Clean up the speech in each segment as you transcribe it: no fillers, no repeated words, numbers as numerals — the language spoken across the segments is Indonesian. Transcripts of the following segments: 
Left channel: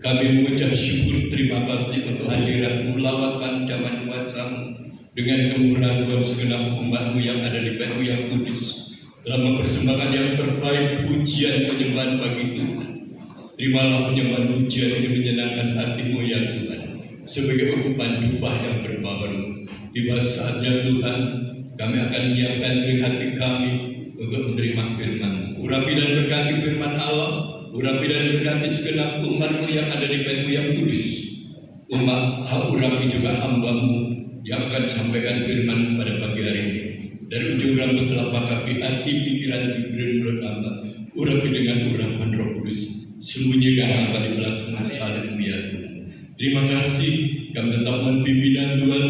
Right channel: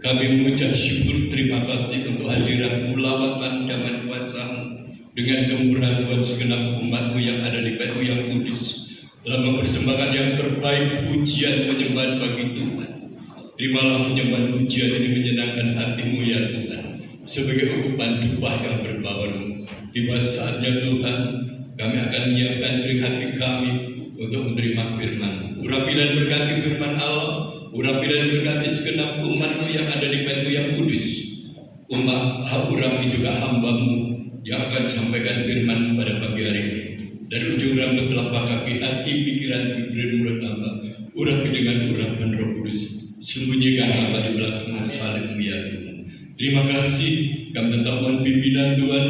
Kami mengucap syukur terima kasih untuk hadiratmu, lawatan daman kuasa-Mu dengan kemurahan Tuhan segenap umat-Mu yang ada di PNU yang kudus telah mempersembahkan yang terbaik pujian penyembahan bagi Tuhan. Terimalah penyembahan pujian ini menyenangkan hati-Mu ya Tuhan, sebagai ukupan upah yang berbau-bau. Tiba saatnya Tuhan, kami akan menyiapkan diri hati kami untuk menerima firman-Mu. Urapi dan berkati firman Allah, urapi dan berkati segenap umat-Mu yang ada di PNU yang kudus. Urapi juga hamba-Mu yang akan sampaikan firman pada pagi hari ini. Dari ujung rambut telapak kaki, hati, pikiran, mulut hamba, urapi dengan urapan Roh Kudus. Sembunyikan hamba di belakang salib-Mu ya Tuhan. Terima kasih, kami tetap mohon pimpinan Tuhan,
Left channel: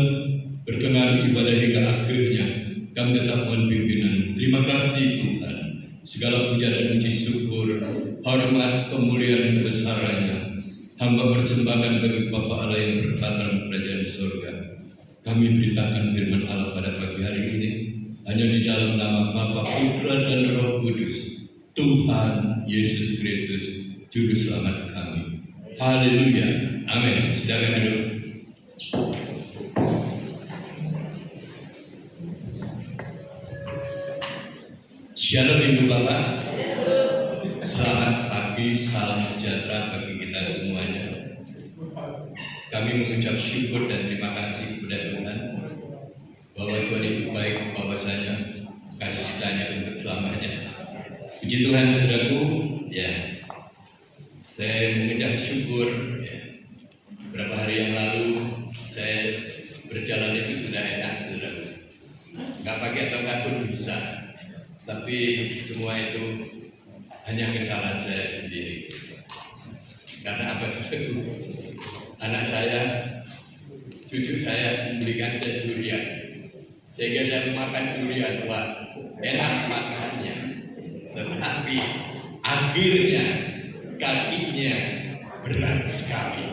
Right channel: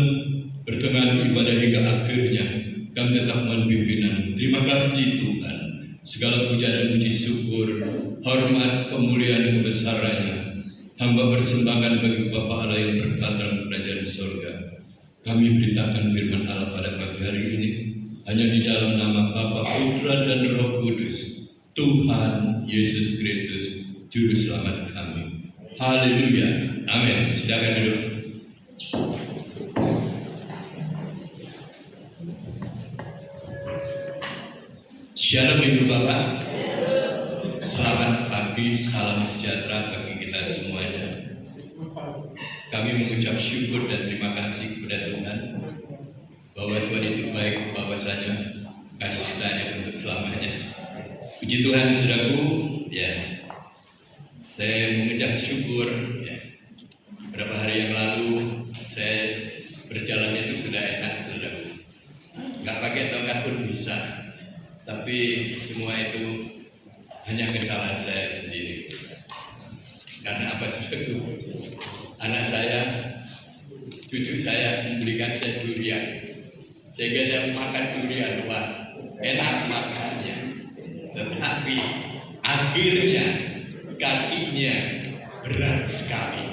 pertengahan ibadah hingga akhirnya, kami tetap mohon pimpinan. Terima kasih Tuhan, segala puja dan puji syukur, hormat, kemuliaan, kebesarannya, hamba persembahkan bagi Bapa Allah yang bertata di kerajaan surga. Kami beritakan firman Allah pada pagi hari ini, hanya di dalam nama Bapa, Putra, dan Roh Kudus, Tuhan Yesus Kristus, Juru Selamat kami. Haleluya, amin. Silakan duduk. Shalom Ibu Bapak. Selamat pagi, salam sejahtera bagi kita semuanya. Kami mengucap syukur dan terima kasih kepada Tuhan bahwa Tuhan itu baik bahwasanya kasih setia-Nya untuk selamanya. Puji Tuhan, saudaraku, ya. Saya mengucap syukur, ya. Beberapa hari yang lalu saya berjalan itu sudah enak, saudaraku. Nggak pakai tongkat pun bisa. Tapi semua itu hanya kesalahan saya sendiri. Karena apa, saudaraku? Anak saya, cucu saya memberikan saya durian. Sehingga saya makan durian, wah, enak makannya. Tetapi akhirnya kakinya berat sekali.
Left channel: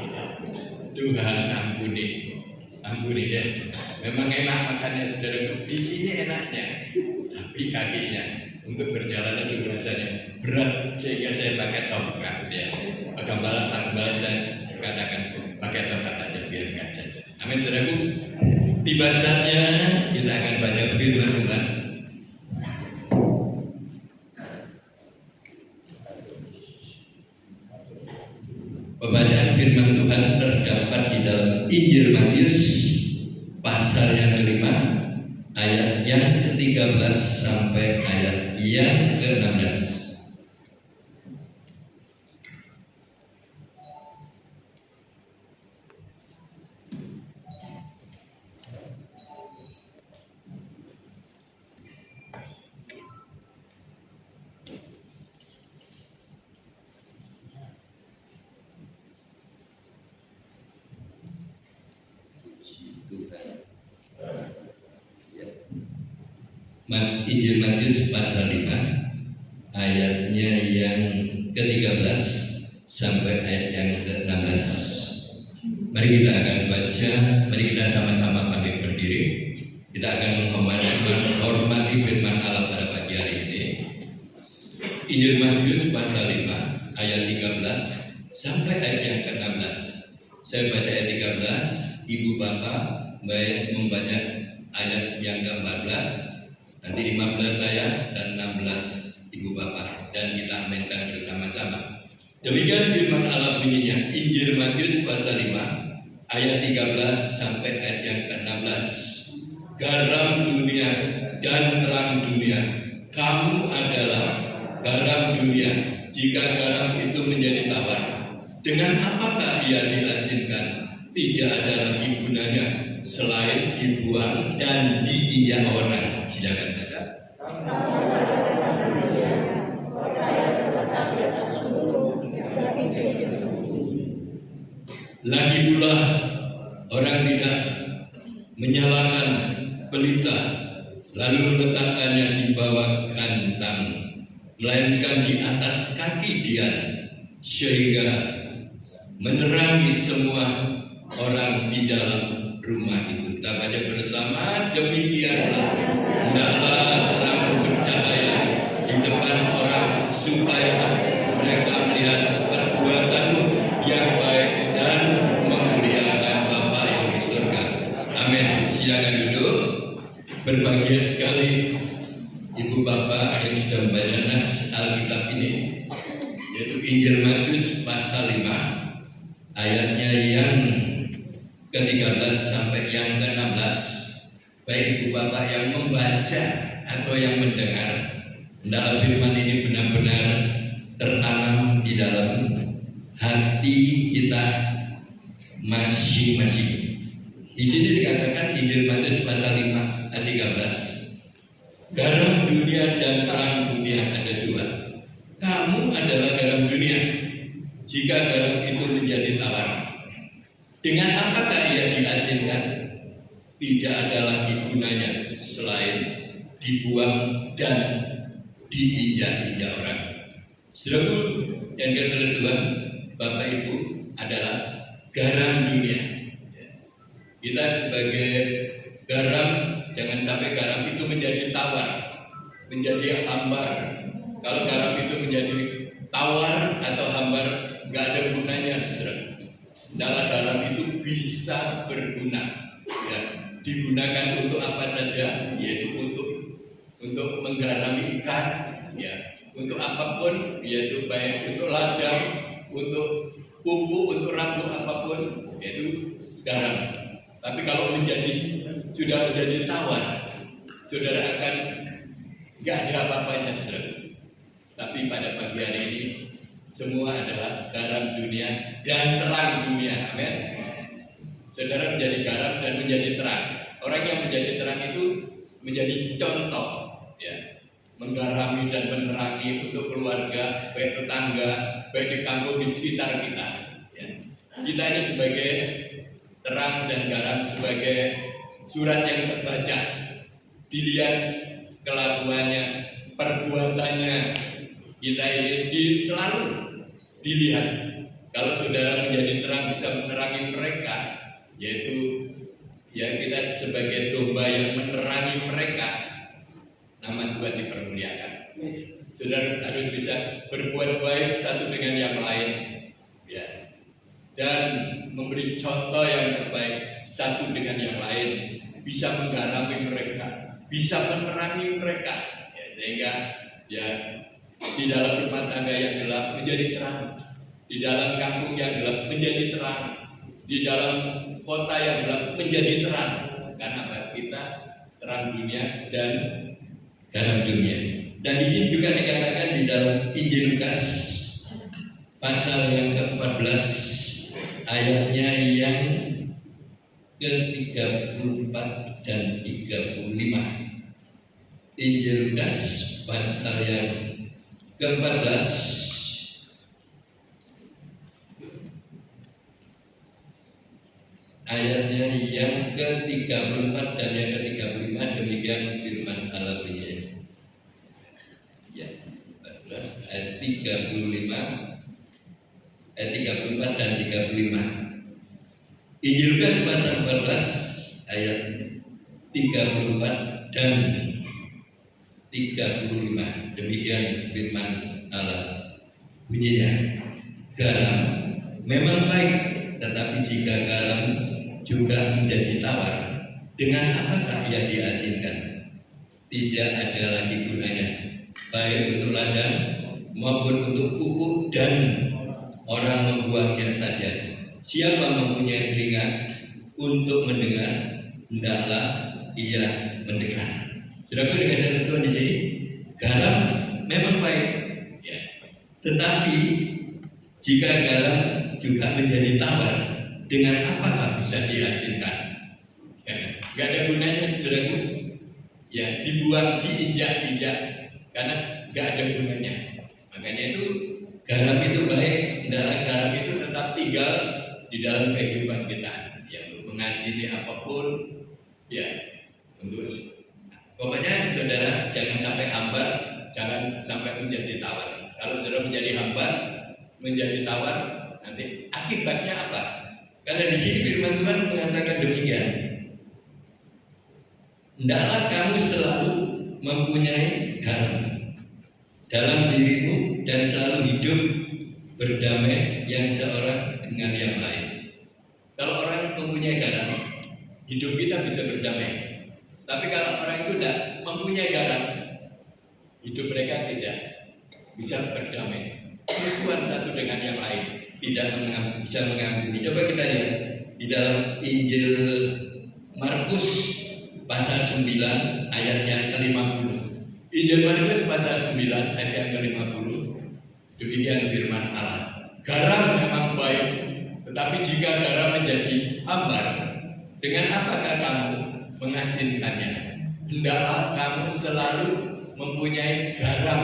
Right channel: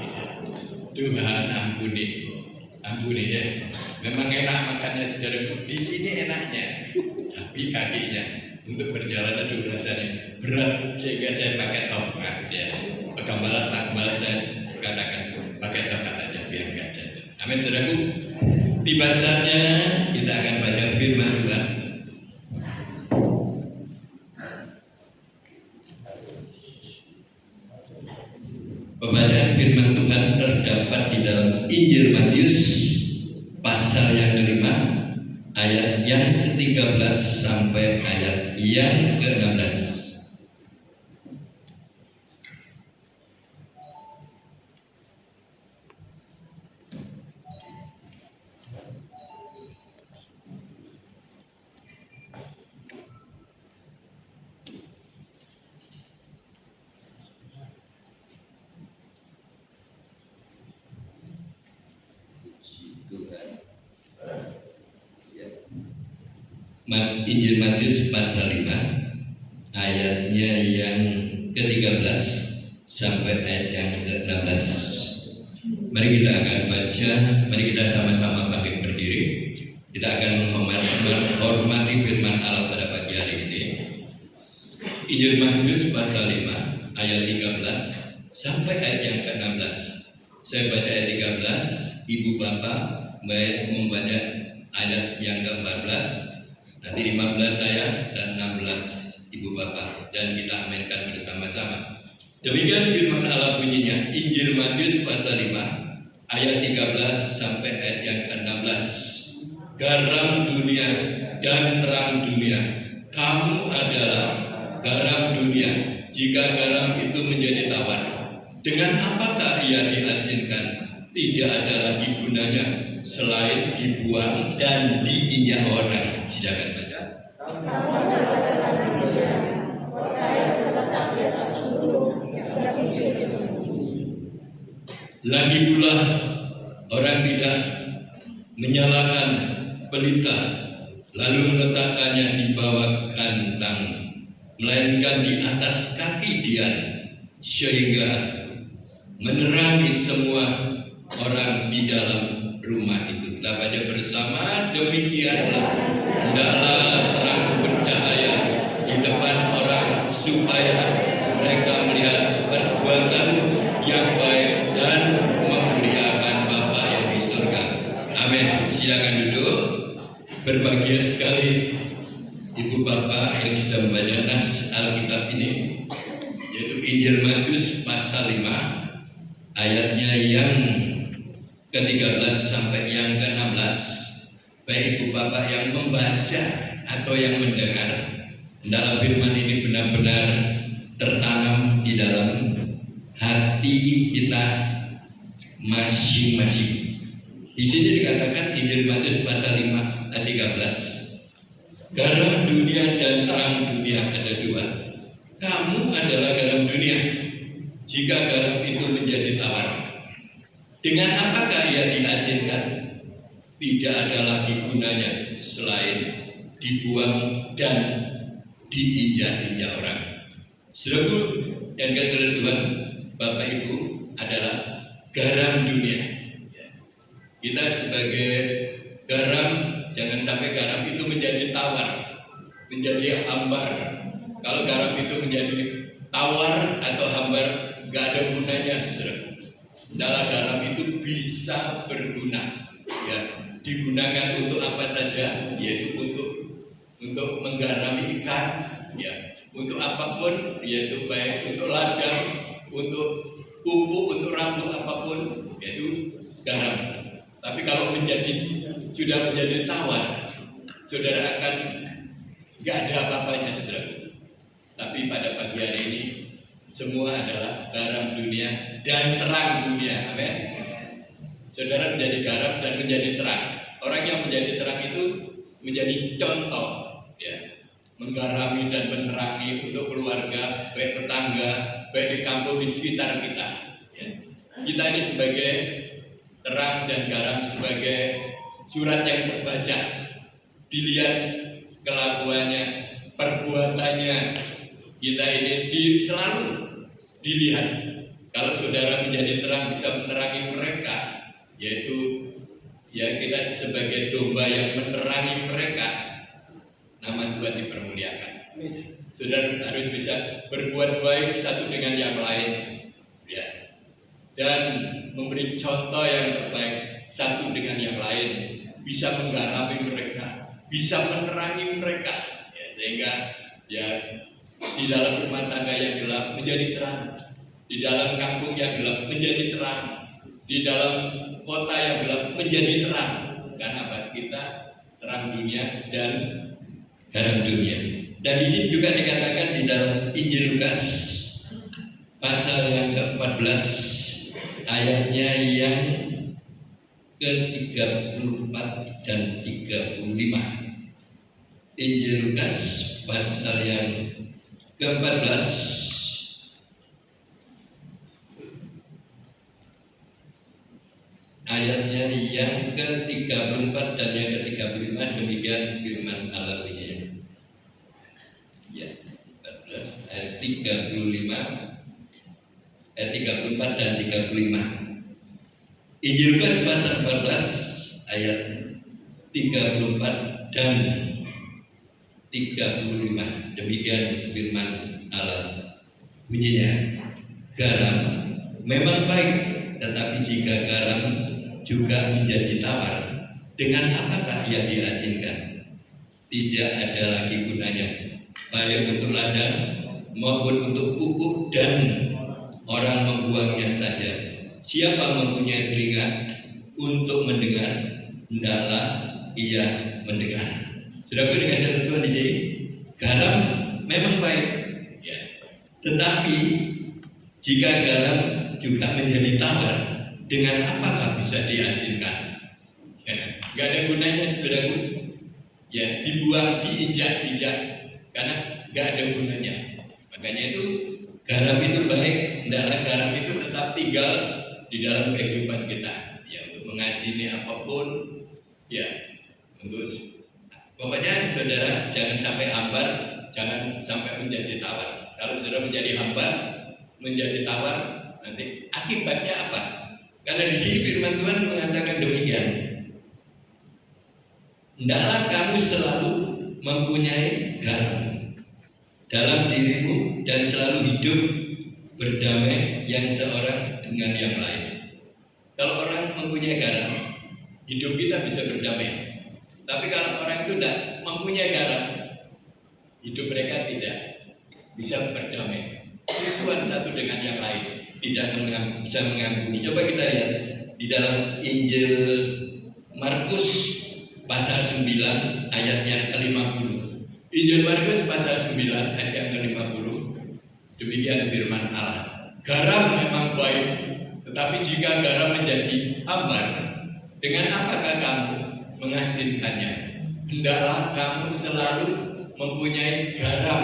Tuhan ampuni ya. Memang enak makannya, saudara. Di sini enaknya, tapi kakinya untuk berjalan itu rasanya berat sehingga saya pakai tongkat. Ya, Pak Gembala saya katakan pakai tongkat aja biar nggak jatuh. Amin, saudaraku. Tiba saatnya kita akan baca firman Tuhan. Pembacaan firman Tuhan terdapat di dalam Injil Matius pasal yang kelima, ayat yang ke-13 sampai ayat yang ke-16. Injil Matius pasal 5 ayatnya yang ke-13 sampai ayat yang ke-16. Mari kita akan baca, mari kita sama-sama bangkit berdiri. Kita akan menghormati firman Allah pada pagi hari ini. Injil Matius pasal 5 ayat 13 sampai ayat yang ke-16. Saya baca ayat 13, Ibu Bapak membaca ayat yang ke-14. Nanti 15 saya dan 16 Ibu Bapak, dan kita aminkan bersama-sama. Demikian firman Allah bunyinya, Injil Matius pasal 5 ayat 13 sampai ayat yang ke-16. Garam dunia dan terang dunia. Kamu adalah garam dunia. Jika garam itu menjadi tawar, dengan apakah ia diasinkan? Tidak ada lagi gunanya selain dibuang dan diinjak orang. Silakan baca. Lagi pula orang tidak menyalakan pelita lalu meletakkannya di bawah kantang, melainkan di atas kaki dia, sehingga menerangi semua orang di dalam rumah itu. Kita baca bersama, demikianlah hendaklah terang bercahaya di depan orang supaya mereka melihat perbuatan yang baik silakan duduk. Berbahagia sekali Ibu Bapak yang sudah membaca nas Alkitab ini, yaitu Injil Matius pasal 5 ayatnya yang ke-13 sampai yang ke-16. Baik Ibu Bapak yang membaca atau yang mendengar, hendaklah firman ini benar-benar tertanam di dalam hati kita masing-masing. Di sini dikatakan Injil Matius pasal 5 ayat 13. Garam dunia dan terang dunia ada dua. Kamu adalah garam dunia. Jika garam itu menjadi tawar, dengan apakah ia diasinkan? Tidak ada lagi gunanya selain dibuang dan diinjak-injak orang. Saudaraku yang kasih Tuhan, Bapak Ibu adalah garam dunia. Kita sebagai garam, jangan sampai garam itu menjadi tawar, menjadi hambar. Kalau garam itu menjadi tawar atau hambar, nggak ada gunanya, saudara. Hendaklah garam itu bisa berguna, ya, digunakan untuk apa saja, yaitu untuk menggarami ikan, ya, untuk apapun, yaitu baik untuk ladang, untuk pupuk, untuk rambu apapun, yaitu garam. Tapi kalau sudah menjadi tawar, saudara akan nggak ada apa-apanya, saudara. Tapi pada pagi hari ini semua adalah garam dunia dan terang dunia. Amin. Saudara menjadi garam dan menjadi terang. Orang yang menjadi terang itu menjadi contoh, ya, menggarami dan menerangi untuk keluarga, baik tetangga, baik di kampung di sekitar kita. Ya. Kita ini sebagai terang dan garam, sebagai surat yang terbaca, dilihat kelakuannya, perbuatannya, kita ini selalu dilihat. Kalau saudara menjadi terang bisa menerangi mereka, yaitu ya kita sebagai domba yang menerangi mereka, nama Tuhan dipermuliakan. Saudara harus bisa berbuat baik satu dengan yang lain, ya, dan memberi contoh yang terbaik satu dengan yang lain, bisa menggarami mereka, bisa menerangi mereka, ya, sehingga ya di dalam rumah tangga yang gelap menjadi terang, di dalam kampung yang gelap menjadi terang, di dalam kota yang gelap menjadi terang. Karena apa? Kita terang dunia dan garam dunia. Dan di sini juga dikatakan di dalam Injil Lukas pasal yang ke-14 ayatnya yang ke-34 dan 35. Injil Lukas pasal yang ke-14 ayatnya yang ke-34 dan yang ke-35, demikian firman Allah ini. Ya, 14 ayat 35, ayat 34 dan 35. Injil Lukas pasal 14 ayat 34 dan 35, demikian firman Allah bunyinya. Garam memang baik, tetapi jika garam juga menjadi tawar, dengan apakah ia diasinkan? Tidak ada lagi gunanya, baik untuk ladang maupun untuk pupuk, dan orang membuangnya saja. Siapa mempunyai telinga untuk mendengar, hendaklah ia mendengar. Saudaraku dikasih Tuhan di sini, garam memang baik, ya, tetapi jika garam juga menjadi tawar, dengan apakah bisa diasinkan? Ya, nggak ada gunanya, saudaraku. Ya, dibuang, diinjak-injak, karena nggak ada gunanya. Makanya itu garam itu baik, hendaklah garam itu tetap tinggal di dalam kehidupan kita, ya, untuk mengasihani apapun, ya, untuk pokoknya saudara jangan sampai hambar, jangan sampai menjadi tawar. Kalau saudara menjadi hambar, menjadi tawar, nanti akibatnya apa? Karena di sini firman Tuhan mengatakan demikian. Hendaklah kamu selalu mempunyai garam dalam dirimu dan selalu hidup berdamai yang seorang dengan yang lain. Kalau orang mempunyai garam, hidup kita bisa berdamai. Tapi kalau orang itu tidak mempunyai garam, hidup mereka tidak bisa berdamai. Musuhan satu dengan yang lain, tidak bisa mengampuni. Coba kita lihat di dalam Injil Markus pasal 9 ayat yang ke-50. Injil Markus pasal 9 ayat yang ke-50. Demikian firman Allah. Garam memang baik, tetapi jika garam menjadi hambar, dengan apakah kamu mengasinkannya? Hendaklah kamu selalu mempunyai garam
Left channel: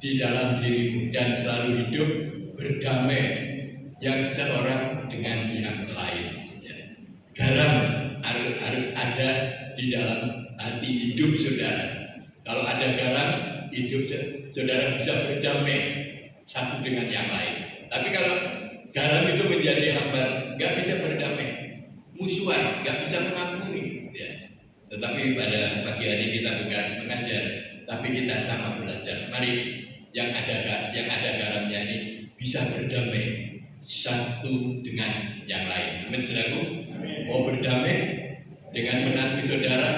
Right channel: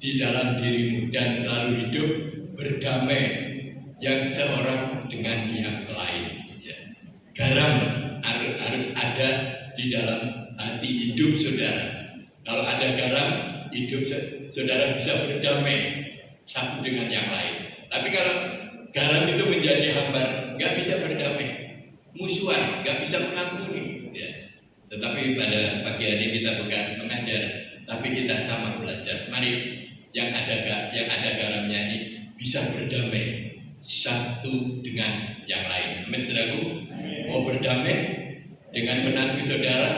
di dalam dirimu dan selalu hidup berdamai yang seorang dengan yang lain. Garam harus ada di dalam hati hidup saudara. Kalau ada garam, hidup saudara bisa berdamai satu dengan yang lain. Tapi kalau garam itu menjadi hambar, nggak bisa berdamai, musuhan, nggak bisa mengampuni. Ya. Tetapi pada pagi hari kita bukan mengajar, tapi kita sama belajar. Mari yang ada garamnya ini bisa berdamai satu dengan yang lain. Amin, saudaraku. Mau berdamai dengan menantu saudara,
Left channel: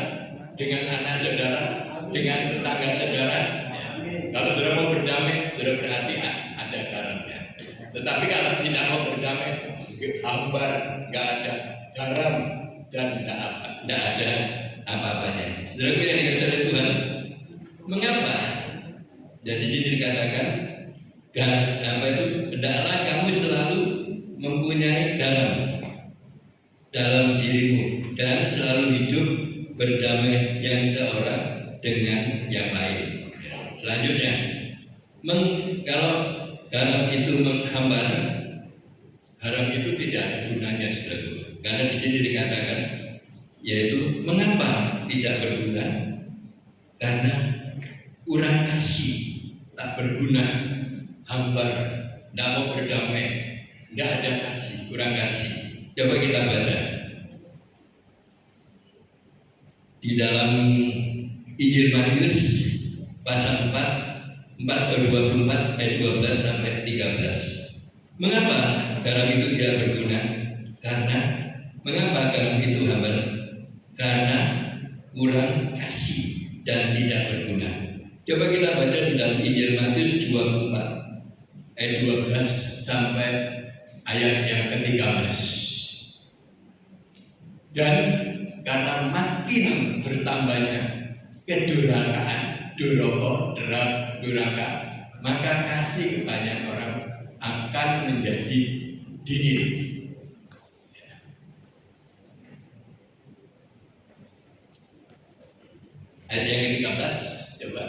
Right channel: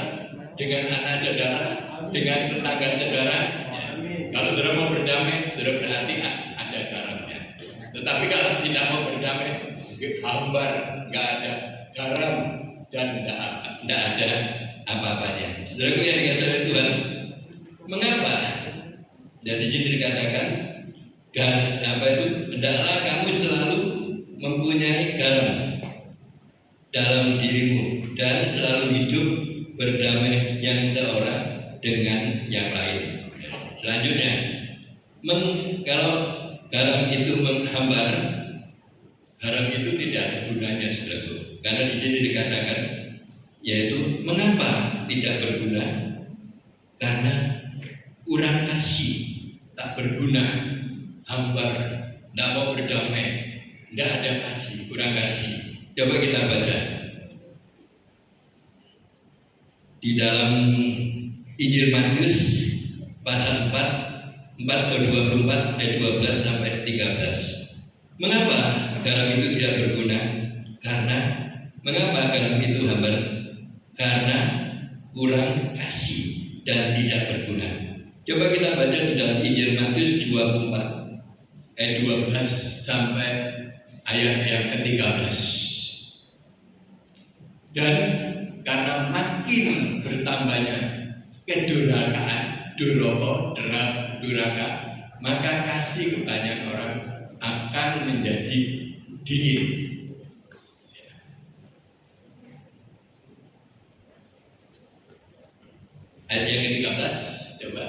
dengan anak saudara, dengan tetangga saudara. Ya. Kalau saudara mau berdamai, saudara berarti ada garamnya. Tetapi kalau tidak mau berdamai, hambar, nggak ada garam dan tidak ada apa-apanya. Saudaraku yang dikasihi oleh Tuhan, mengapa? Jadi sini dikatakan, hendaklah kamu selalu mempunyai garam dalam dirimu dan selalu hidup berdamai yang seorang dengan yang lain. Selanjutnya, kalau garam itu menghambar, garam itu tidak ada gunanya, saudaraku. Karena di sini dikatakan, yaitu mengapa tidak berguna? Karena kurang kasih, tak berguna, hambar, tidak mau berdamai, tidak ada kasih, kurang kasih. Coba kita baca di dalam Injil Matius pasal 4 ke 24 ayat 12 sampai 13. Mengapa garam itu tidak berguna? Karena mengapa garam itu hambar? Karena kurang kasih dan tidak berguna. Coba kita baca di dalam Injil Matius 24 ayat 12 sampai ayat yang ke-13. Dan karena makin bertambahnya kedurhakaan, durhaka, maka kasih kebanyakan orang akan menjadi dingin. Ayat yang ke-13, coba.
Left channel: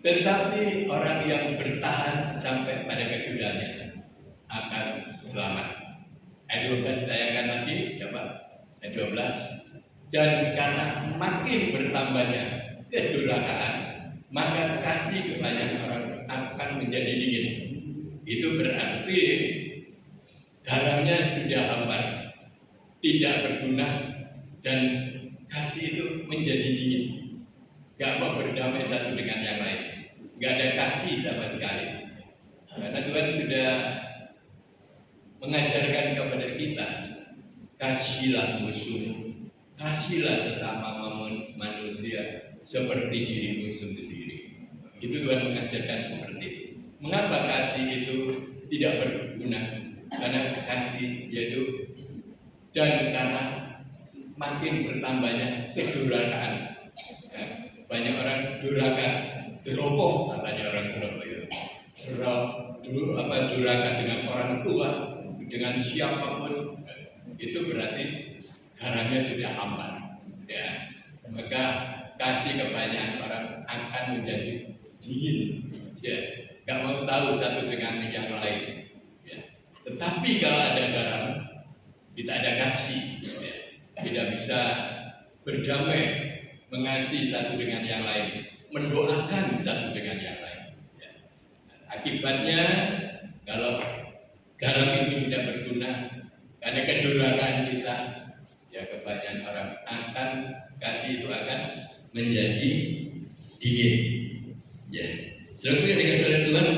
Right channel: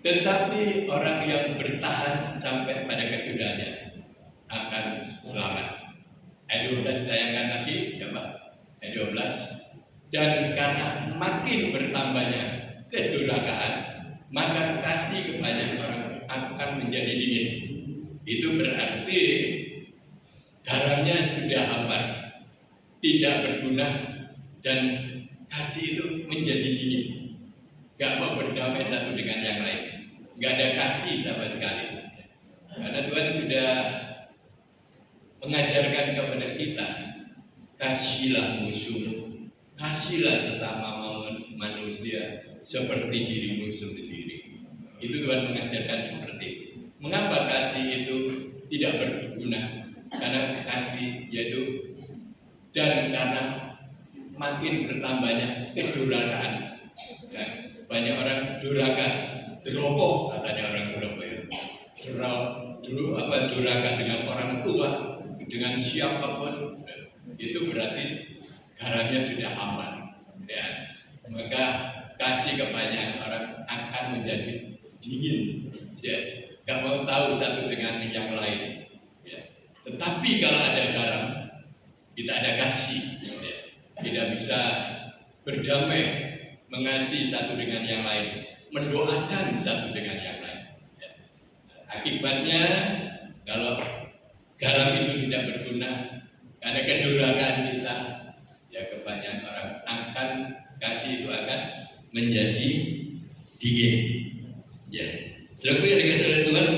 Tetapi orang yang bertahan sampai pada kesudahannya akan selamat. Ayat 12 ditayangkan lagi, coba. Ayat 12. Dan karena makin bertambahnya kedurhakaan, maka kasih kebanyakan orang akan menjadi dingin. Itu berarti garamnya sudah hambar, tidak berguna, dan kasih itu menjadi dingin. Gak mau berdamai satu dengan yang lain. Gak ada kasih sama sekali. Karena Tuhan sudah mengajarkan kepada kita, kasihlah musuhmu, kasihlah sesama manusia seperti dirimu sendiri. Itu Tuhan mengajarkan seperti itu. Mengapa kasih itu tidak berguna? Karena kasih yaitu, dan karena makin bertambahnya kedurhakaan. Ya, banyak orang durhaka, deroboh katanya orang Surabaya. Durhaka dengan orang tua, dengan siapapun, itu berarti garamnya sudah hambar. Ya, maka kasih kebanyakan orang akan menjadi dingin. Ya, gak mau tahu satu dengan yang lain. Ya. Tetapi kalau ada garam, kita ada kasih. Ya. Tidak bisa berdamai, mengasihi satu dengan yang lain, mendoakan satu dengan yang lain. Ya. Akibatnya kalau garam itu tidak berguna, karena kedurhakaan kita, ya kebanyakan orang akan kasih itu akan menjadi dingin. Ya, saudara yang dikasihi oleh Tuhan,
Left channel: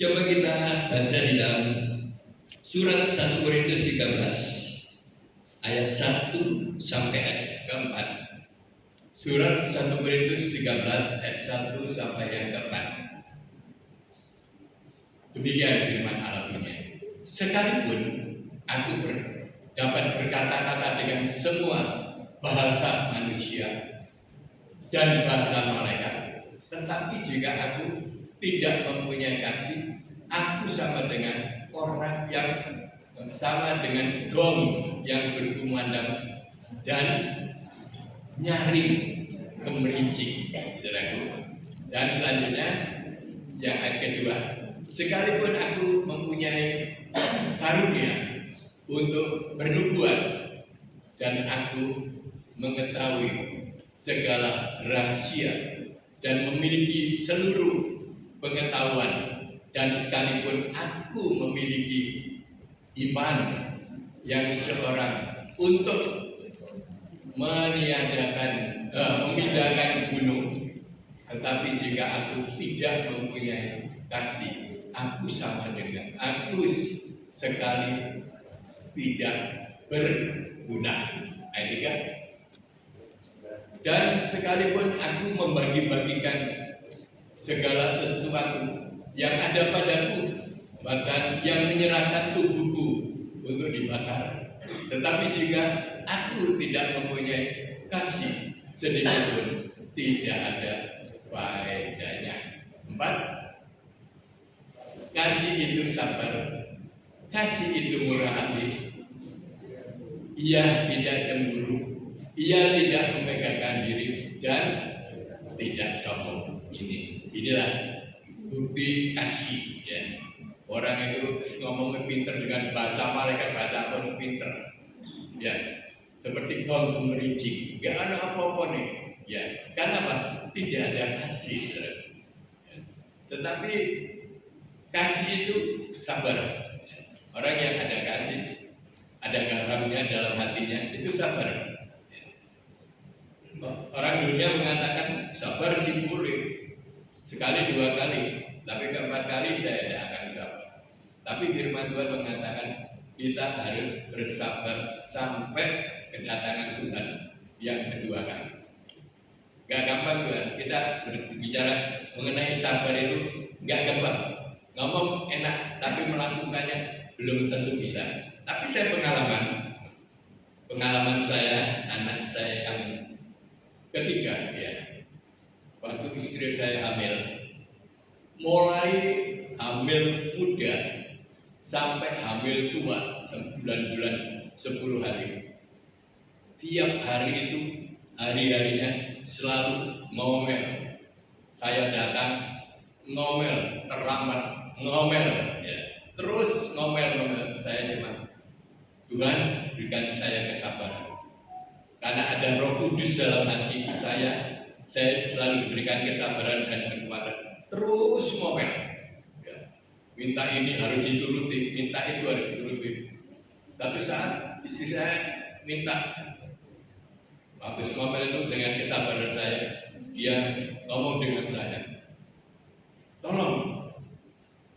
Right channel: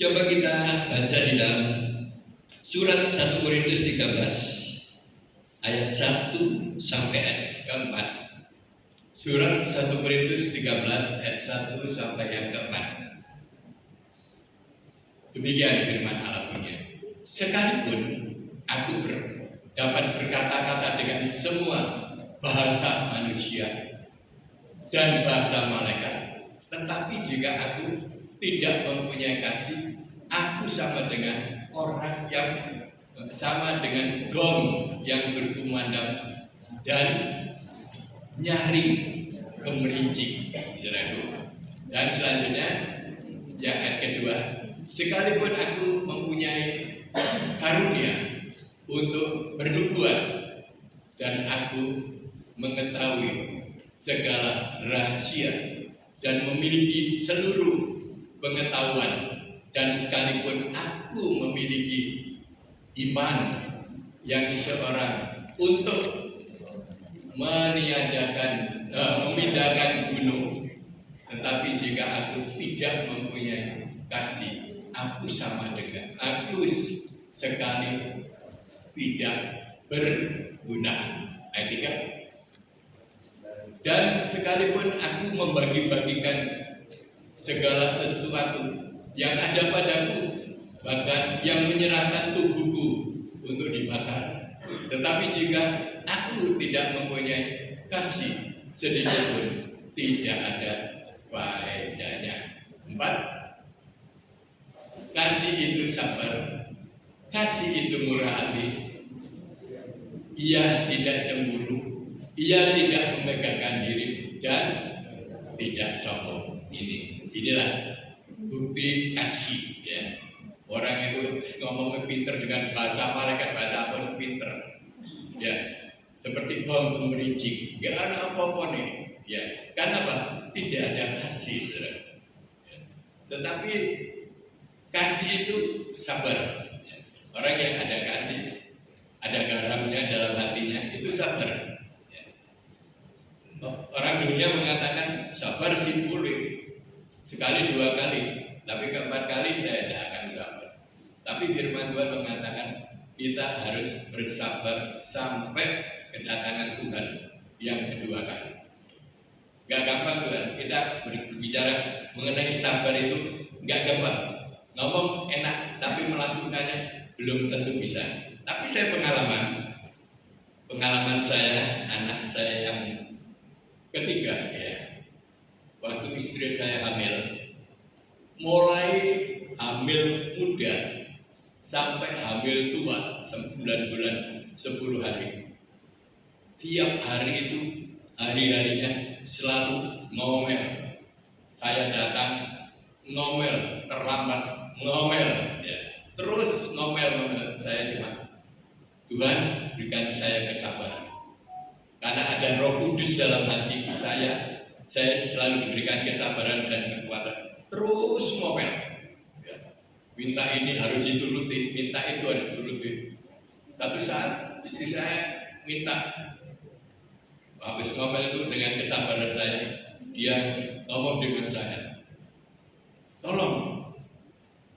coba kita baca di dalam surat 1 Korintus 13 ayat 1 sampai ayat keempat. Surat 1 Korintus 13 ayat 1 sampai yang keempat. Demikian firman Allah punya. Sekalipun aku dapat berkata-kata dengan semua bahasa manusia dan bahasa malaikat, tetapi jika aku tidak mempunyai kasih, aku sama dengan orang yang sama dengan gong yang berkumandang dan nyaring gemerincing. Dan selanjutnya yang ayat kedua, sekalipun aku mempunyai karunia untuk bernubuat dan aku mengetahui segala rahasia dan memiliki seluruh pengetahuan, dan sekalipun aku memiliki iman yang seorang untuk memindahkan gunung, tetapi jika aku tidak mempunyai kasih, aku sama dengan aku sekali tidak berguna. Ayat 3. Dan sekalipun aku membagi-bagikan segala sesuatu yang ada padaku, bahkan yang menyerahkan tubuhku untuk dibakar, tetapi jika aku tidak mempunyai kasih sedikit pun, tidak ada faedahnya. 4. Kasih itu sabar, kasih itu murah hati, ia tidak cemburu, ia tidak memegahkan diri, dan tidak sombong. Inilah bukti kasih, ya. Orang itu ngomongnya pinter dengan bahasa malaikat, bahasa apa pinter, ya. Seperti gong gemerincing, nggak ada apa-apa nih, ya. Karena apa? Tidak ada kasih, ya. Tetapi kasih itu sabar. Orang yang ada kasih, ada garamnya dalam hatinya, itu sabar. Orang dunia mengatakan sabar sih boleh sekali dua kali, tapi keempat kali saya tidak akan sabar. Tapi firman Tuhan mengatakan kita harus bersabar sampai kedatangan Tuhan yang kedua kali. Gak gampang Tuhan, kita berbicara mengenai sabar itu gak gampang. Ngomong enak, tapi melakukannya belum tentu bisa. Tapi saya pengalaman saya, anak saya yang ketiga, ya, waktu istri saya hamil, mulai hamil muda sampai hamil tua 9 bulan 10 hari, tiap hari itu hari-harinya selalu ngomel. Saya datang ngomel, terlambat ngomel, ya, terus ngomel. Saya cuma, Tuhan berikan saya kesabaran, karena ada Roh Kudus dalam hati saya selalu diberikan kesabaran dan kekuatan. Terus ngomel, ya, minta ini harus dituruti, minta itu harus dituruti. Satu saat istri saya minta, habis ngomel itu dengan kesabaran saya, dia ngomong dengan saya, tolong,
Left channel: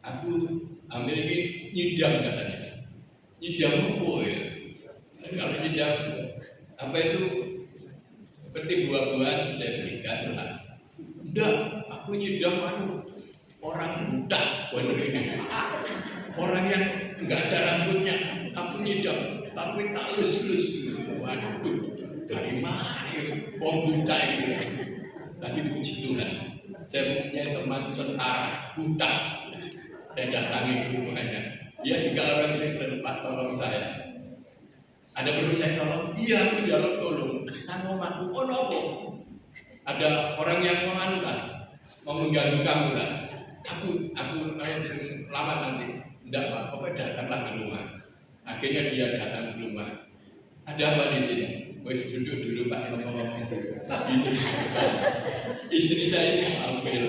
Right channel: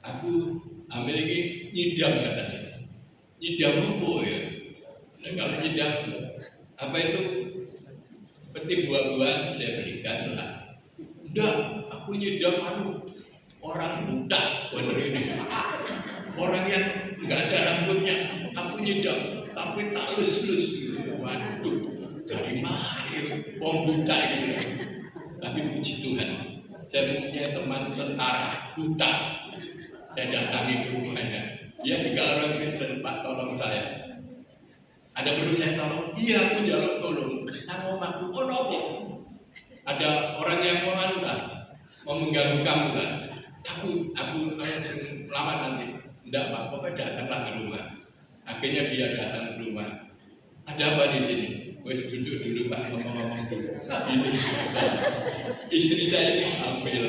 aku ambil ini nyidam, katanya. Nyidam apa ya? Nah, kalau nyidam apa itu? Seperti buah-buahan saya berikan lah. Enggak, aku nyidam orang buta, bener ini. Orang yang enggak ada rambutnya, aku nyidam, tapi tak lus-lus. Waduh, dari mana ya? Buta gitu. Tapi puji Tuhan, saya punya teman tentara buta. Saya datangi ke rumahnya. Dia juga orang Kristen, Pak, tolong saya. Ada perlu saya tolong? Iya, aku jaluk tolong. Nang omahku, oh nopo? Ada orang yang mau mengganggu kamu lah. Aku lama nanti. Enggak, Pak, pokoknya datanglah ke rumah. Akhirnya dia datang ke rumah. Ada apa di sini? Wes duduk dulu Pak, ngomong-ngomong dulu. Ini istri saya ini hamil.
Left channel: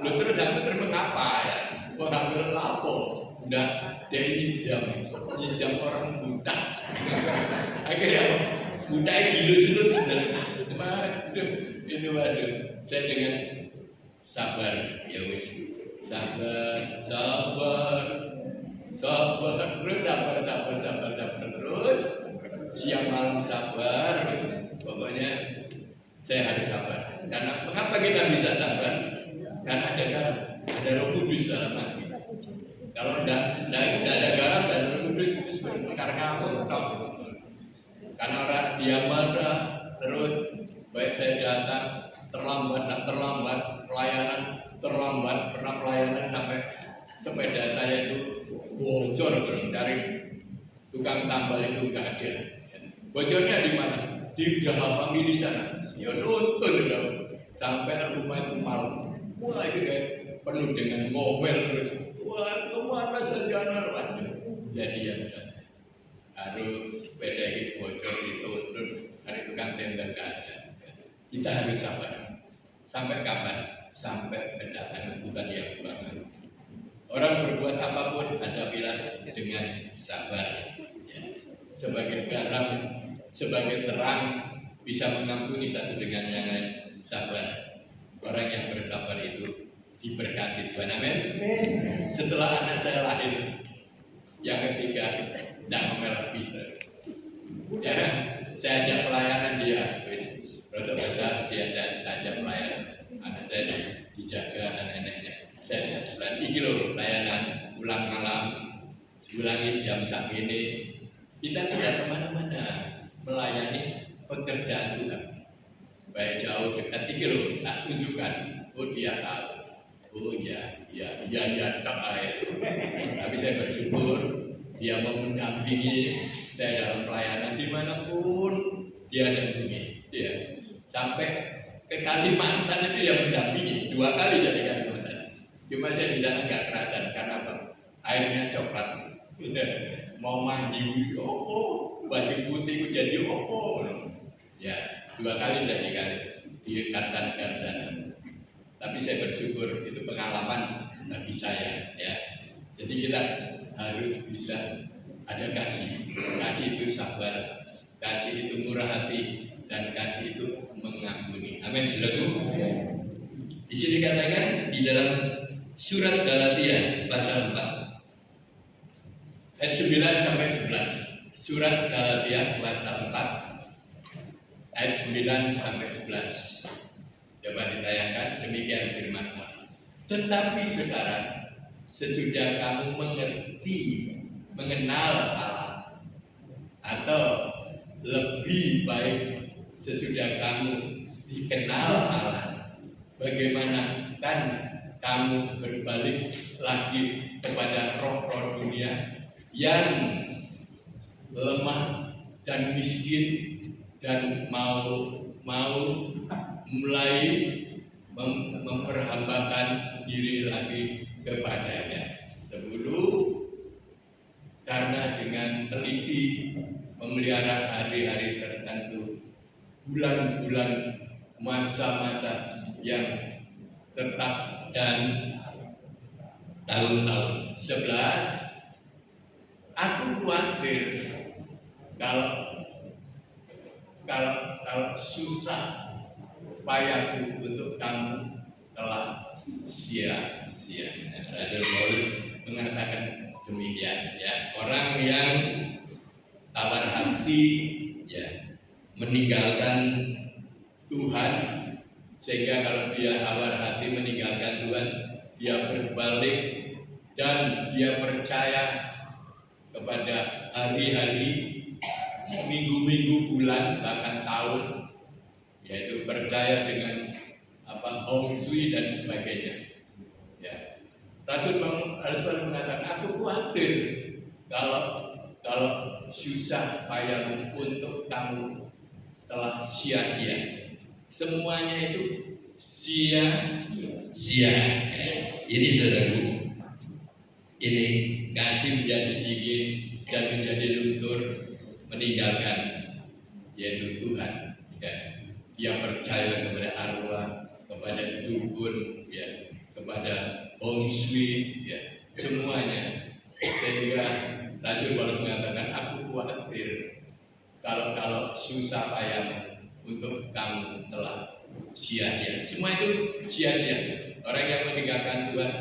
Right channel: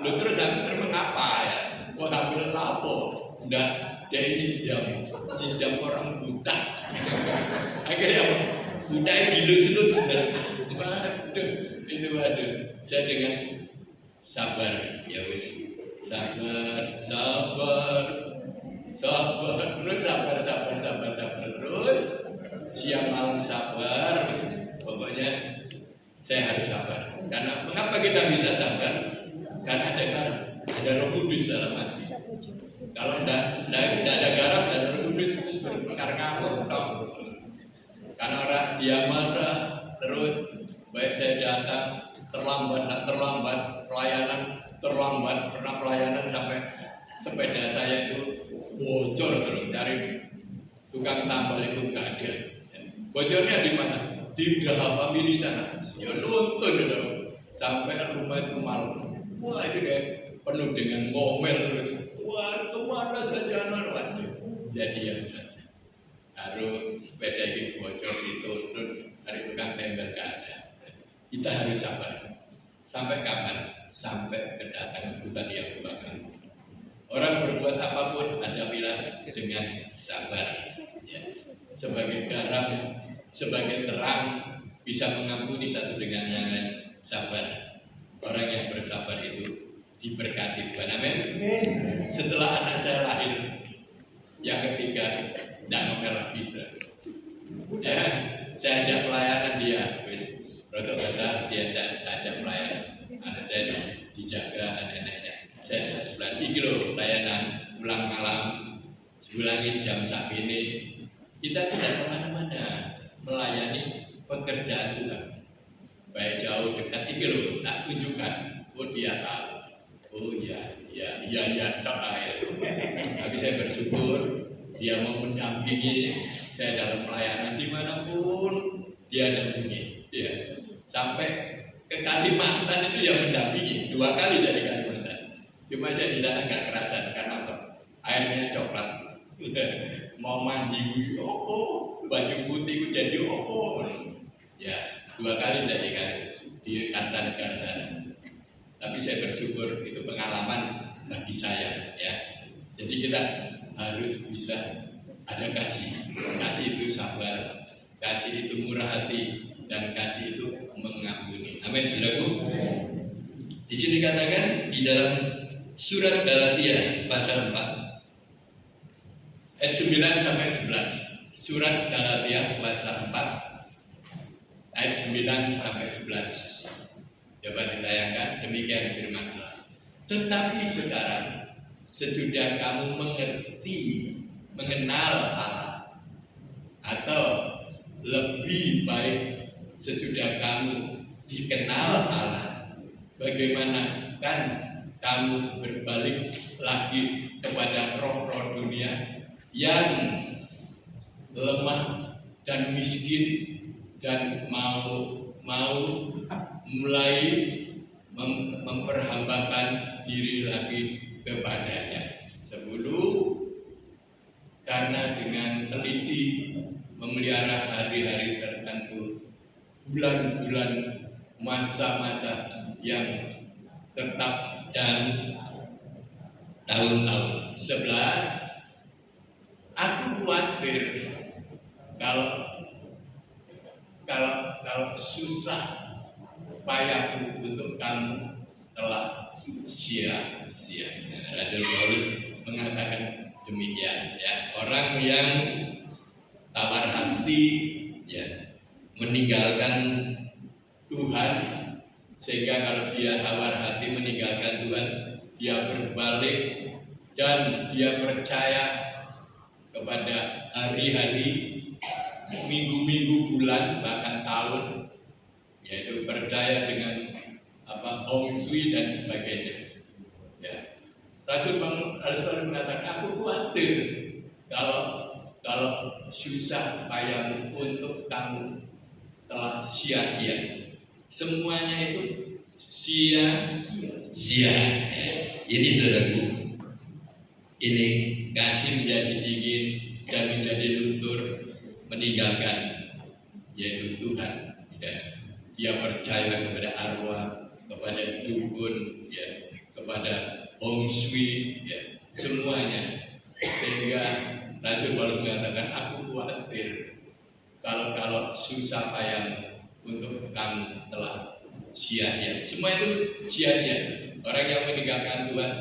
Lu terus mengapa ya? Kok hamil lapo? Enggak, dia nyidam orang buta. Akhirnya apa? Buta dilus-lus. Waduh, itu waduh. Saya dengan sabar, ya wes. Sabar, terus sabar terus. Siapa saya harus sabar. Karena mengapa kita bisa sabar? Karena ada garam, ada Roh Kudus dalam hati. Kalau tidak ada garam dan Roh Kudus itu sebenarnya ngamuk tok. Karena orang dia marah terus, baik saya datang terlambat, tidak terlambat, pelayanan terlambat, pernah pelayanan sampai sepeda saya itu bocor, cari tukang tambal itu nggak ada. Bocornya di mana? Di Geraha Famili sana. Ya nuntun dong. Sampai rumah itu malam. Wah itu deh penuh dengan ngomel terus. Wah kemana saja waduh. Jadian saja. Harus sepeda ini bocor dituntun. Hari tukang tembel nggak ada. Kita harus sabar. Sampai kapan? Sampai kedatangan Tuhan yang bakal. Orang berbuat apapun hadapilah dengan sabar. Ya. Sebagai garam, sebagai terang, bisa mengampuni satu dengan yang lain. Sabar. Orang yang bersabar itu diberkati Tuhan. Amin. Setelah anak saya lahir, yang ketiga, tidak ngomel lagi. Ya, saya ajak pelayanan dia, wis rodok besar dia saya ajak pelayanan. Anak saya dijaga anak-anaknya. Saya bulan ini loh pelayanan pulang malam, sebulan ini jam segini. Kita tidak kemana-mana melayani pekerjaan Tuhan. Baik jauh dekat ini loh, tak tunjukkan. Oh dia tahu. Oh iya tak air. Tapi saya bersyukur dia mau mendampingi saya dalam pelayanan dimanapun dia dampingi. Ya. Sampai ke Kalimantan itu dia mendampingi 2 kali jadi Kalimantan. Cuma saya di sana nggak kerasan karena apa? Airnya coklat. Mau mandi, baju putih jadi ya 2 kali saya di Kartanegara sana. Tapi saya bersyukur itu pengalaman bagi saya ya. Jadi kita harus bisa ada kasih. Kasih itu sabar, kasih itu murah hati, dan kasih itu mengampuni. Amin, saudaraku. Di sini dikatakan di dalam surat Galatia pasal 4 ayat 9 sampai 11. Surat Galatia pasal 4 ayat 9 sampai 11. Coba ditayangkan, demikian firman Allah. Tetapi sekarang sesudah kamu mengenal Allah, atau lebih baik sesudah kamu dikenal Allah, bagaimana kan kamu berbalik lagi kepada roh-roh dunia yang lemah dan miskin dan mau mulai memperhambakan diri lagi kepadanya. 10. Karena dengan teliti memelihara hari-hari tertentu, bulan-bulan, masa-masa yang tetap dan tahun-tahun. 11. Aku khawatir kalau susah upayaku untuk kamu telah sia-sia. Rasul Paulus mengatakan demikian ya. Orang yang tawar hati ya meninggalkan Tuhan, sehingga kalau dia tawar hati meninggalkan Tuhan, dia berbalik dan dia percaya kepada hari-hari, minggu-minggu, bulan, bahkan tahun, yaitu percaya dengan Hong Shui dan sebagainya. Ya. Rasul Paulus mengatakan, aku khawatir kalau susah payahmu untuk kamu telah sia-sia. Semuanya itu sia-sia. Ya. Ini saudaraku, ini kasih menjadi dingin dan menjadi luntur, meninggalkan yaitu Tuhan. Ya. Dia percaya kepada arwah, kepada dukun, ya, kepada Hong Shui, ya, semuanya. Sehingga Rasul Paulus mengatakan, aku khawatir kalau susah payah untuk kamu telah sia-sia. Semua itu sia-sia. Orang yang meninggalkan Tuhan,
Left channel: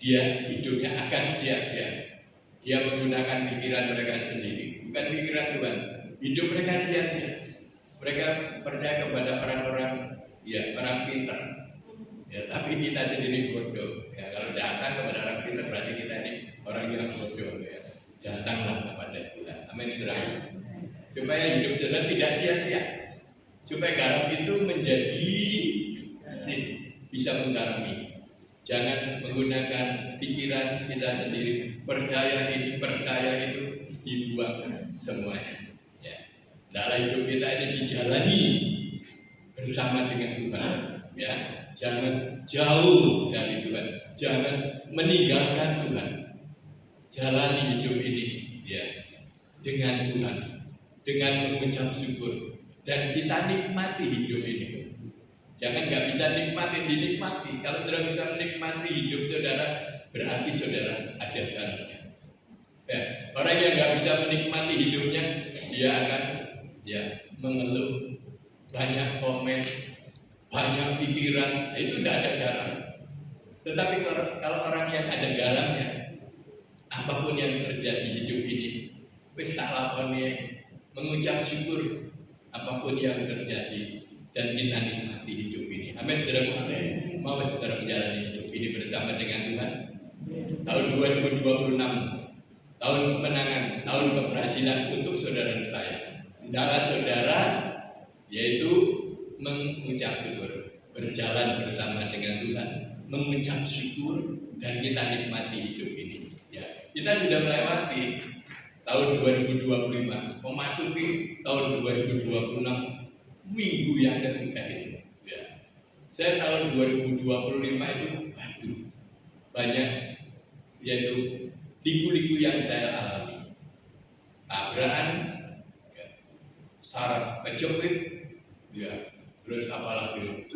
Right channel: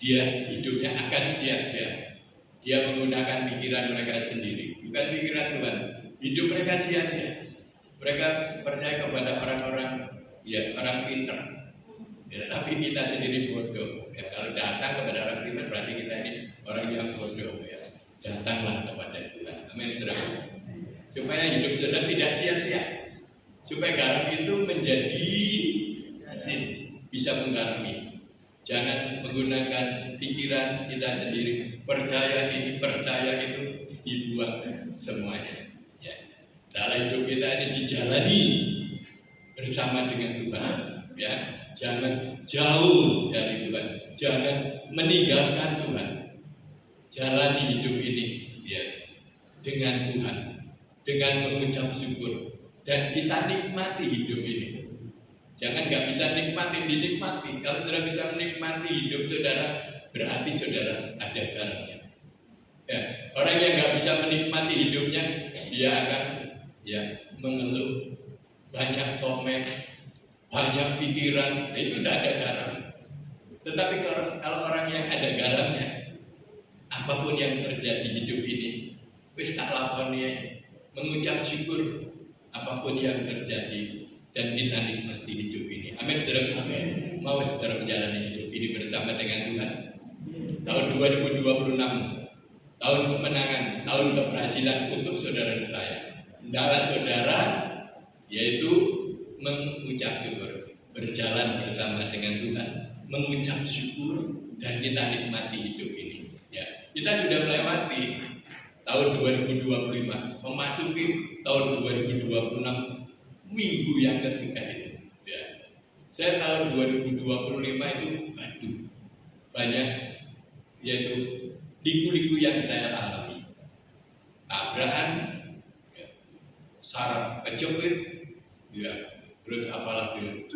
dia hidupnya akan sia-sia. Dia menggunakan pikiran mereka sendiri, bukan pikiran Tuhan. Hidup mereka sia-sia. Mereka percaya kepada orang-orang, ya orang pintar. Ya, tapi kita sendiri bodoh. Ya, kalau datang kepada orang pintar berarti kita ini orang yang bodoh. Ya. Datanglah kepada Tuhan. Amin, saudara. Supaya hidup saudara tidak sia-sia. Supaya garam itu menjadi asin, bisa menggarami. Jangan menggunakan pikiran kita sendiri. Percaya ini, percaya itu, dibuang semuanya. Ya. Dalam hidup kita ini dijalani bersama dengan Tuhan. Ya, jangan jauh dari Tuhan, jangan meninggalkan Tuhan. Jalani hidup ini, ya, dengan Tuhan, dengan mengucap syukur, dan kita nikmati hidup ini. Jangan nggak bisa dinikmati. Kalau saudara bisa menikmati hidup saudara, berarti saudara ada garamnya. Ya, orang yang nggak bisa menikmati hidupnya, dia akan mengeluh, banyak komen, banyak pikiran, itu tidak ada garam. Tetapi kalau orang yang ada garamnya, apapun yang terjadi hidup ini, wis tak lakoni, mengucap syukur apapun yang terjadi, dan kita nikmati hidup ini. Amin, saudara. Amin. Mau saudara menjalani hidup ini bersama dengan Tuhan. Tahun 2026, tahun kemenangan, tahun keberhasilan untuk saudara dan saya. Hendaklah saudara, yaitu mengucap syukur, berjalan bersama dengan Tuhan, mengucap syukur, dan kita nikmati hidup ini. Ya, kita sudah melewati tahun 2025, memasuki tahun 2026. Minggu yang ketiga ini, ya. Saya tahun 2025 itu, banyak, yaitu liku-liku yang saya alami, tabrakan, ya, saraf kejepit, ya, terus apalagi,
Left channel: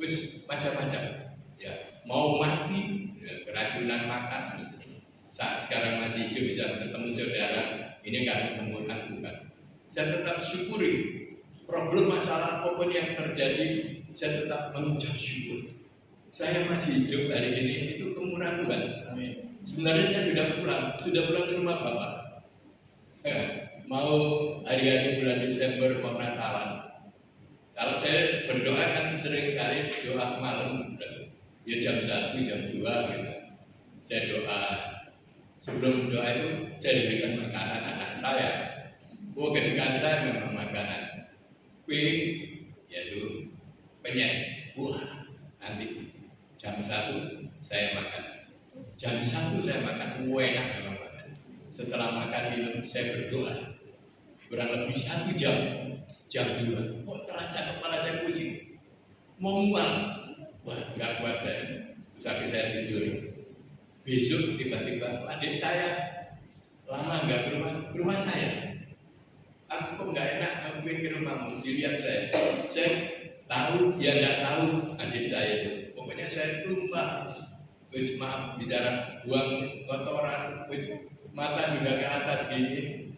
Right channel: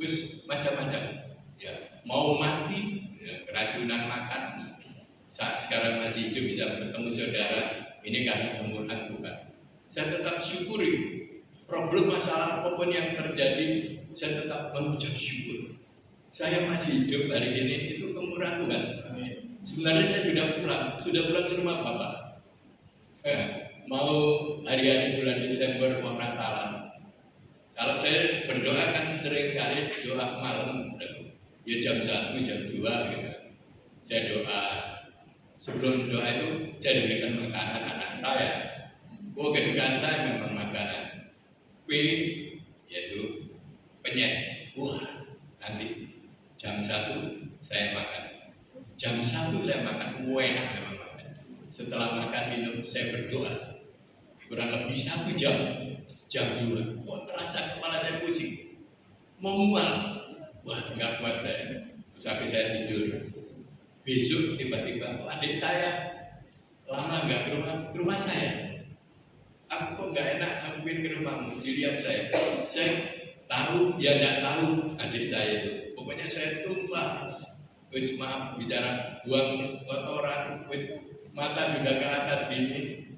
wis macam-macam, ya, mau mati, ya, keracunan makan. Saat sekarang masih hidup bisa bertemu saudara, ini karena kemurahan Tuhan. Saya tetap syukuri. Problem masalah apapun yang terjadi, saya tetap mengucap syukur. Saya masih hidup hari ini, itu kemurahan Tuhan. Sebenarnya saya sudah pulang ke rumah Bapak. Mau hari-hari bulan Desember mau Natalan. Kalau saya berdoa kan sering kali doa malam, ya jam 1, jam 2 gitu. Saya doa. Sebelum doa itu saya diberikan makanan anak saya. Kesukaan saya memang makanan. Yaitu penyet. Wah, nanti jam 1 saya makan. Jam 1 saya makan, enak memang makan. Setelah makan minum saya berdoa. Kurang lebih 1 jam. Jam 2, terasa kepala saya pusing. Mau mual. Wah, nggak kuat saya. Sampai saya tidur. Besok tiba-tiba adik saya lama nggak ke rumah saya. Aku kok nggak enak, aku pengen ke rumahmu. Dilihat saya tahu, ya nggak tahu adik saya itu. Pokoknya saya tumpah, wis maaf bicara, buang kotoran, wis mata sudah ke atas gini.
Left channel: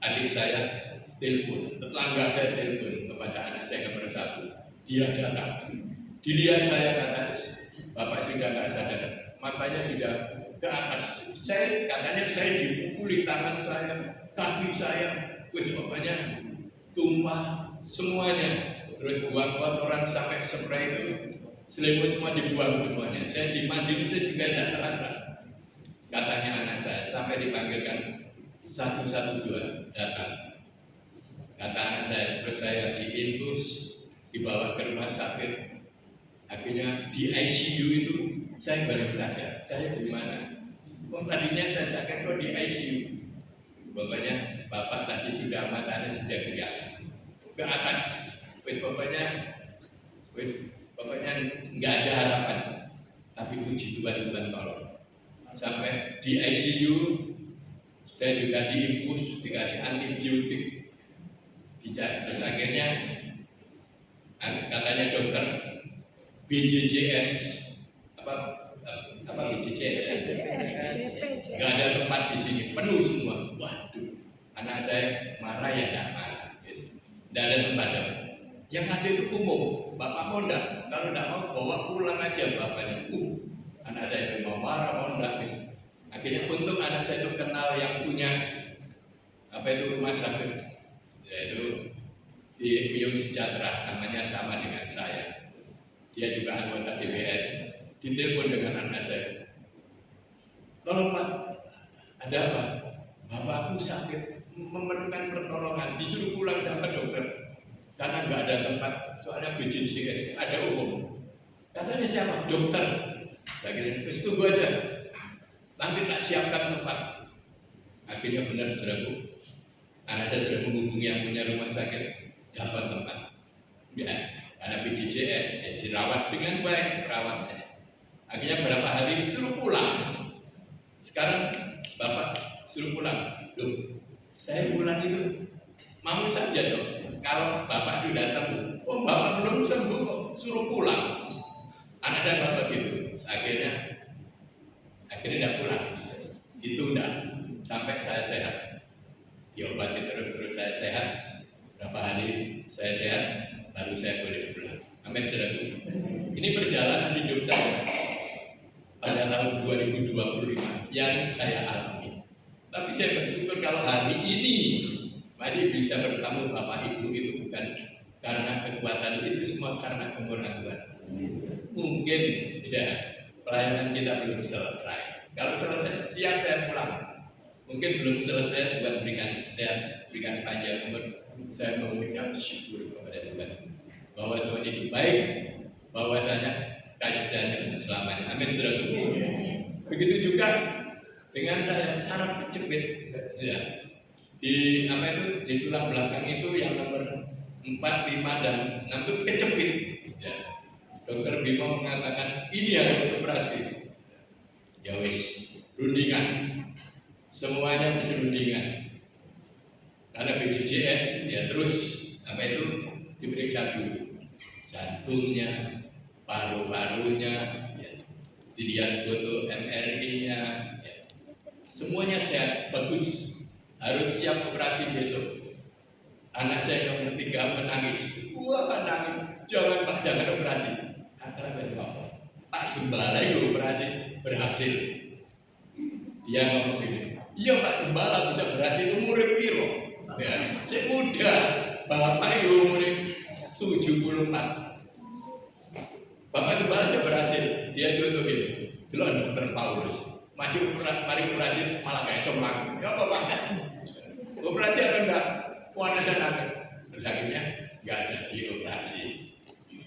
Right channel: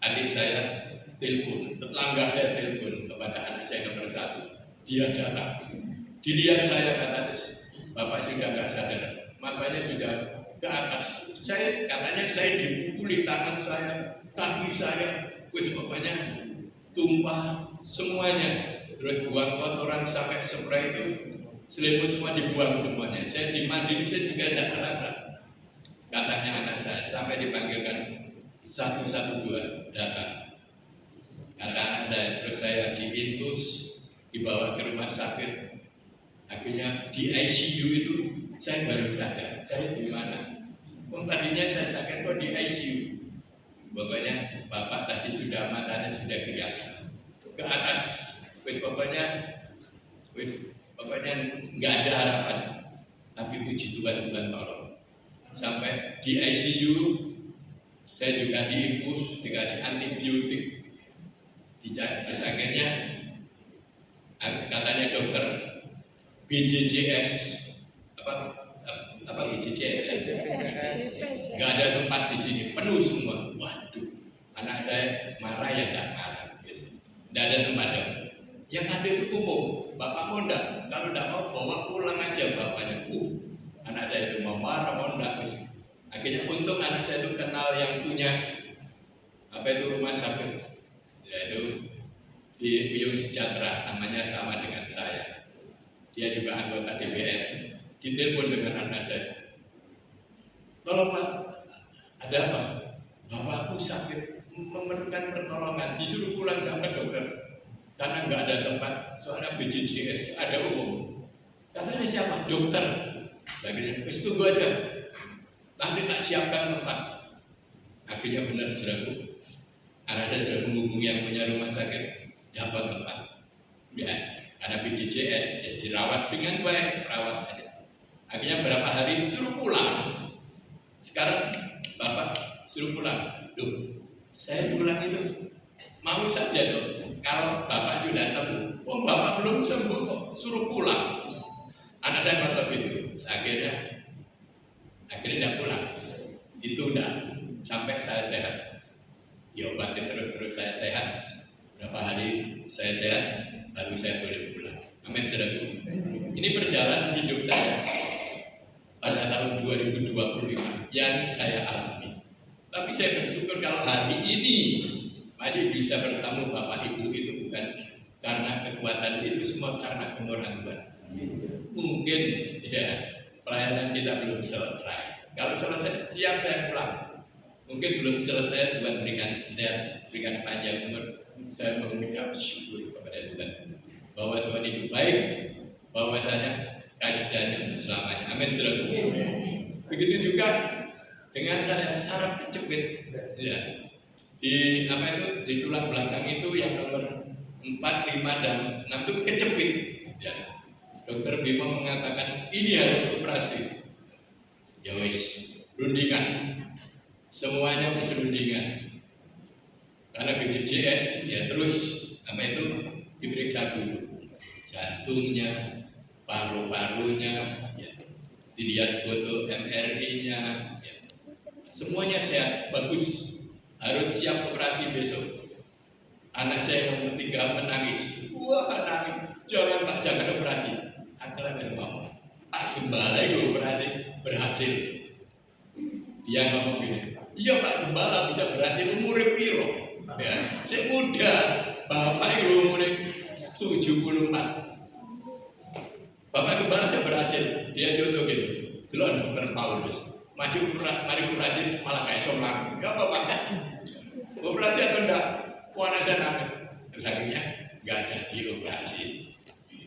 Adik saya telepon, tetangga saya telepon kepada anak saya nomor 1. Dia datang, dilihat saya kata, Bapak sudah nggak sadar, matanya sudah ke atas. Katanya saya dipukuli tangan saya, kaki saya. Wis bapaknya tumpah semuanya, terus buang kotoran sampai spray itu, selimut semua dibuang semuanya. Saya dimandiin, saya juga tidak terasa. Katanya anak saya sampai dipanggilkan 112 datang. Kata anak saya, terus saya diintus, dibawa ke rumah sakit. Akhirnya di ICU itu saya baru sadar, saya di mana? Tadinya saya sakit kok di ICU. Pokoknya Bapak tadi sudah matanya sudah kelihatan ke atas, pokoknya nggak ada harapan. Tapi puji Tuhan tolong. Sampai di ICU saya juga diinfus, dikasih antibiotik. Terus akhirnya katanya dokter BJJS BJJS nggak ada tempat di sini, penuh semua. Waduh, anak saya marah ya nggak marah, nggak ada tempat. Yang ada itu umum, Bapak mau nggak? Kalau nggak mau bawa pulang aja bapaknya. Anak saya itu mau marah mau nggak? Akhirnya untung anak saya itu kenal yang punya rumah sakit, yaitu di Uyung Sejahtera, namanya sama dengan saya. Dia juga anggota DPR. Ditelepon dengan anak saya. Tolong Pak, ada apa? Bapakku sakit, memerlukan pertolongan, disuruh pulang sama dokter. Karena nggak ada tempat, soalnya BPJS ada umum. Katanya siapa? Dokter. Saya kira, tunggu aja. Nanti tak siapkan tempat. Akhirnya benar saudaraku, anak saya sudah menghubungi yang punya rumah sakit, dapat tempat. Ya, karena BPJS ya, dirawat dengan baik perawatannya. Akhirnya berapa hari suruh pulang. Sekarang Bapak suruh pulang. Loh, saya pulang itu mau saja dong. Kalau Bapak sudah sembuh, oh Bapak belum sembuh kok suruh pulang. Anak saya ngotot gitu. Akhirnya tidak pulang. Itu udah sampai saya sehat. Diobati terus saya sehat. Berapa hari saya sehat, baru saya boleh pulang. Amin saudaraku. Ini perjalanan hidup saya pada tahun 2025 yang saya alami. Tapi saya bersyukur kalau hari ini masih bisa bertemu Bapak Ibu itu bukan karena kekuatan itu, semua karena kemurahan Tuhan. Mungkin tidak, pelayanan kita belum selesai. Kalau selesai, siap saya pulang. Mungkin belum selesai, Tuhan berikan sehat, berikan panjang umur. Saya mengucap syukur kepada Tuhan bahwa Tuhan itu baik, bahwasanya kasih-Nya untuk selamanya. Amin saudara. Begitu juga dengan saya saraf kejepit, ya. Di apa itu, di tulang belakang itu yang nomor 4, 5 dan 6 itu kejepit, ya. Dokter Bimo mengatakan ini harus operasi. Ya wis, rundingan. Semuanya bisa rundingan. Karena BPJS ya terus apa itu diperiksa dulu. Jantungnya, paru-parunya, ya. Dilihat foto MRI-nya, ya. Semuanya sehat, bagus. Harus siap operasi besok. Anak saya yang ketiga menangis. Wah, nangis. Jangan Pak, jangan operasi. Akhirnya saya ngomong, Pak Gembala itu operasi berhasil. Dia ngomong gini, iya Pak Gembala bisa berhasil umurnya piro. Ya, saya muda. Bapak itu umurnya 74. Bapak Gembala bisa berhasil. Dia contoh gitu. Dulu dokter Paulus masih mari operasi malah kayak somlang. Ya Bapak, operasi atau enggak? Warna saya nangis. Terus akhirnya nggak jadi operasi.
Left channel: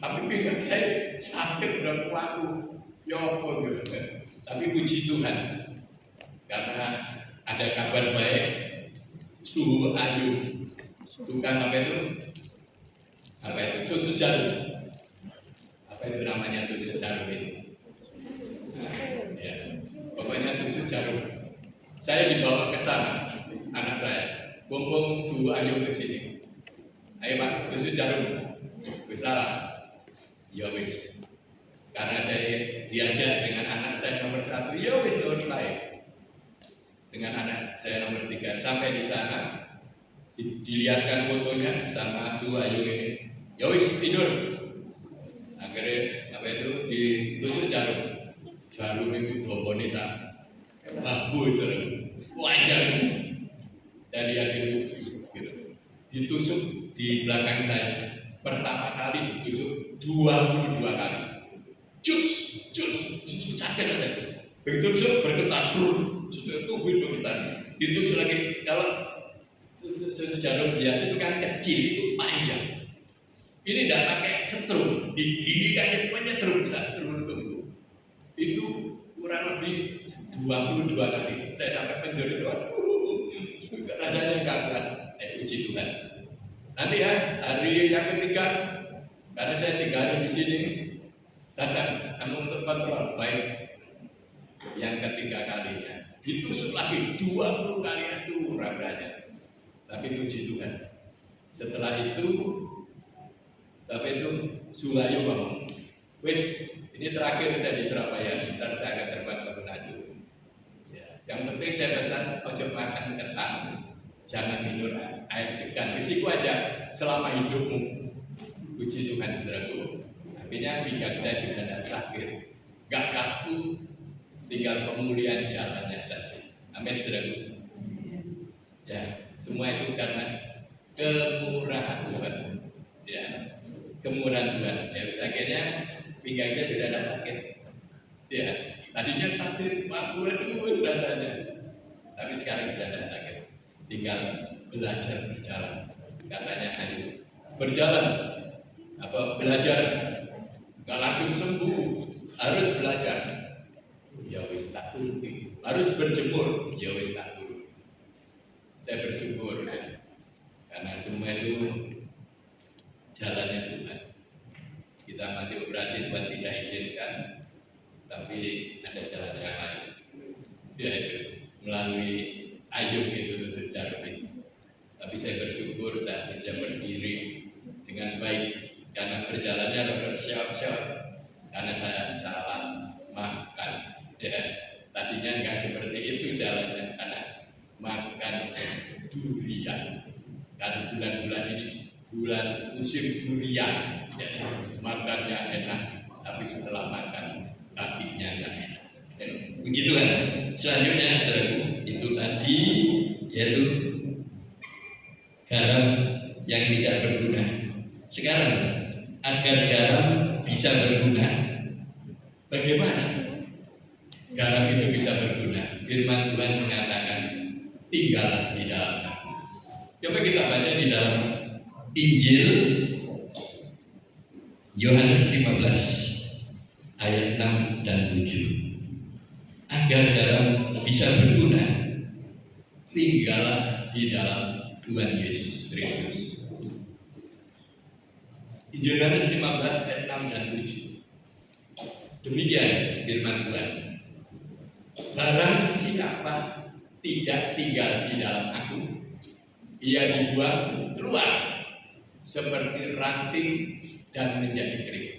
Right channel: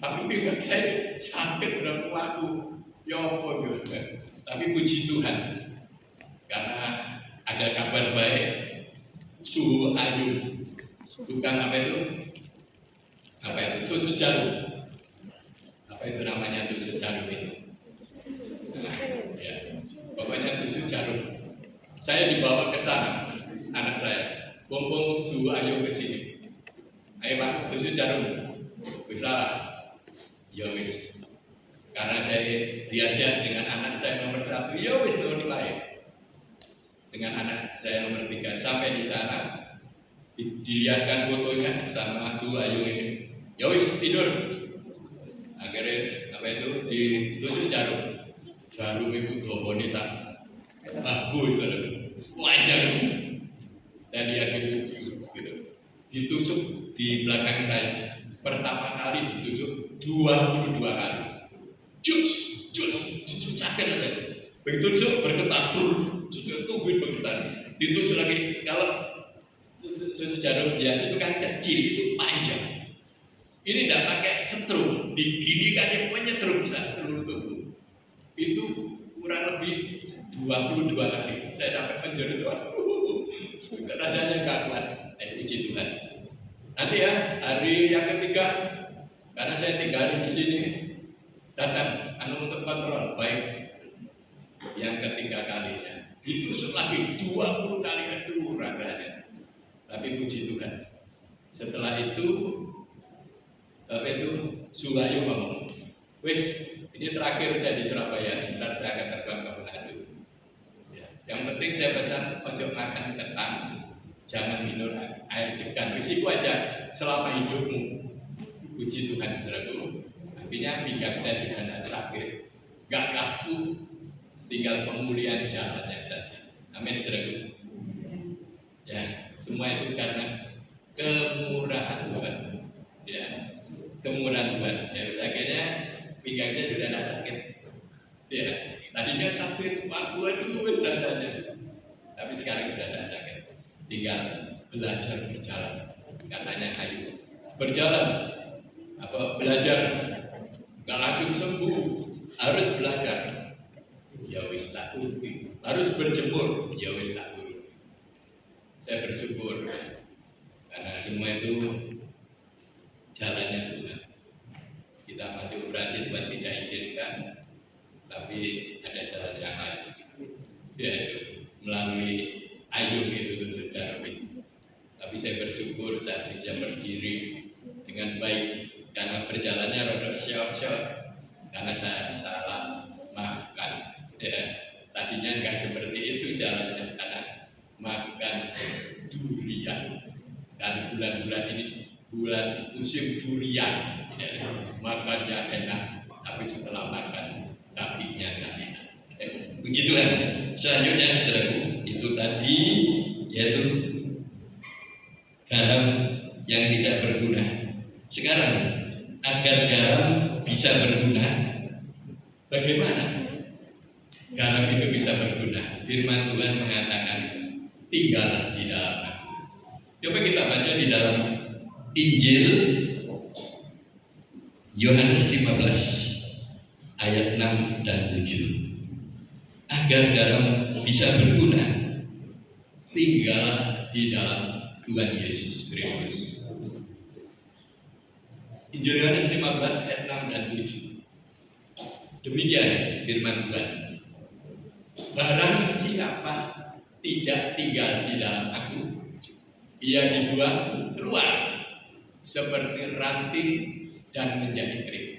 Tapi pihak saya sakit udah kuaku. Ya apa gitu. Tapi puji Tuhan, karena ada kabar baik. Suhu Ayu, tukang apa itu? Apa itu? Tusuk jarum. Apa itu namanya tusuk jarum itu? Ya, pokoknya tusuk jarum. Saya dibawa ke sana, anak saya. Bong suhu Ayu ke sini. Ayo Pak, tusuk jarum. Bisa. Ya wis. Karena saya diajak dengan anak saya nomor 1, ya wis nomor baik. Dengan anak saya nomor 3 sampai di sana dilihatkan fotonya sama suhu Ayu ini. Ya wis tidur. Akhirnya apa itu ditusuk jarum. Jarum itu dobone sak bagus wajar. Dan dia gitu. Ditusuk di belakang saya. Pertama kali ditusuk 22 kali. Cus, sakit aja. Begitu tusuk bergetar, sudah tubuh bergetar. Ditusuk lagi. Kalau tusuk jarum biasa itu kan kecil, itu panjang. Ini tidak pakai setrum, diginikan pokoknya terus besar seluruh tubuh. Itu kurang lebih 22 kali. Saya sampai penjuru itu, rasanya nggak kuat. Puji Tuhan. Nanti ya hari yang ketiga, karena saya 3 hari di sini, datang untuk kontrol baik. Yang ketiga kalinya ditusuk lagi 20 kali, aduh rasanya. Tapi puji Tuhan. Setelah itu suhu Ayu ngomong, wis ini terakhir saya di Surabaya, sebentar saya akan terbang ke Manado. Ya, yang penting saya pesan ojo makan ketan, jangan minum air degan. Wis itu aja selama hidupmu. Puji Tuhan saudaraku. Akhirnya pinggang saya sudah tidak sakit, nggak kaku, tinggal pemulihan jalannya saja. Amin saudaraku. Ya, semua itu karena kemurahan Tuhan. pinggangnya sudah tidak sakit. Ya, tadinya sakit, waduh rasanya. Tapi sekarang sudah tidak sakit. Tinggal belajar berjalan. Katanya ayo berjalan. Belajar. Gak langsung sembuh. Harus belajar. Ya wis tak turuti. Harus berjemur. Ya wis tak turuti. Saya bersyukur ya. Karena semua itu jalannya Tuhan. Kita mati operasi Tuhan tidak izinkan, tapi ada jalan yang lain. Yaitu melalui ayung itu sudah lebih. Tapi saya bersyukur saya bisa berdiri dengan baik karena berjalannya roda syok-syok karena saya salah makan. Ya, tadinya nggak seperti itu jalannya karena makan durian. Karena bulan-bulan ini bulan musim durian, ya, makannya enak, tapi setelah makan kakinya nggak enak. Begitu kan? Selanjutnya saudaraku, itu tadi yaitu garam yang tidak berguna. Sekarang agar garam bisa berguna, bagaimana garam itu bisa berguna? Firman Tuhan mengatakan, tinggallah di dalam aku. Coba kita baca di dalam Injil Yohanes 15 ayat 6 dan 7. Agar garam bisa berguna, tinggallah di dalam Tuhan Yesus Kristus. Injil Yohanes 15 ayat 6 dan 7. Demikian firman Tuhan. Barang siapa tidak tinggal di dalam aku, ia dibuang keluar seperti ranting dan menjadi kering.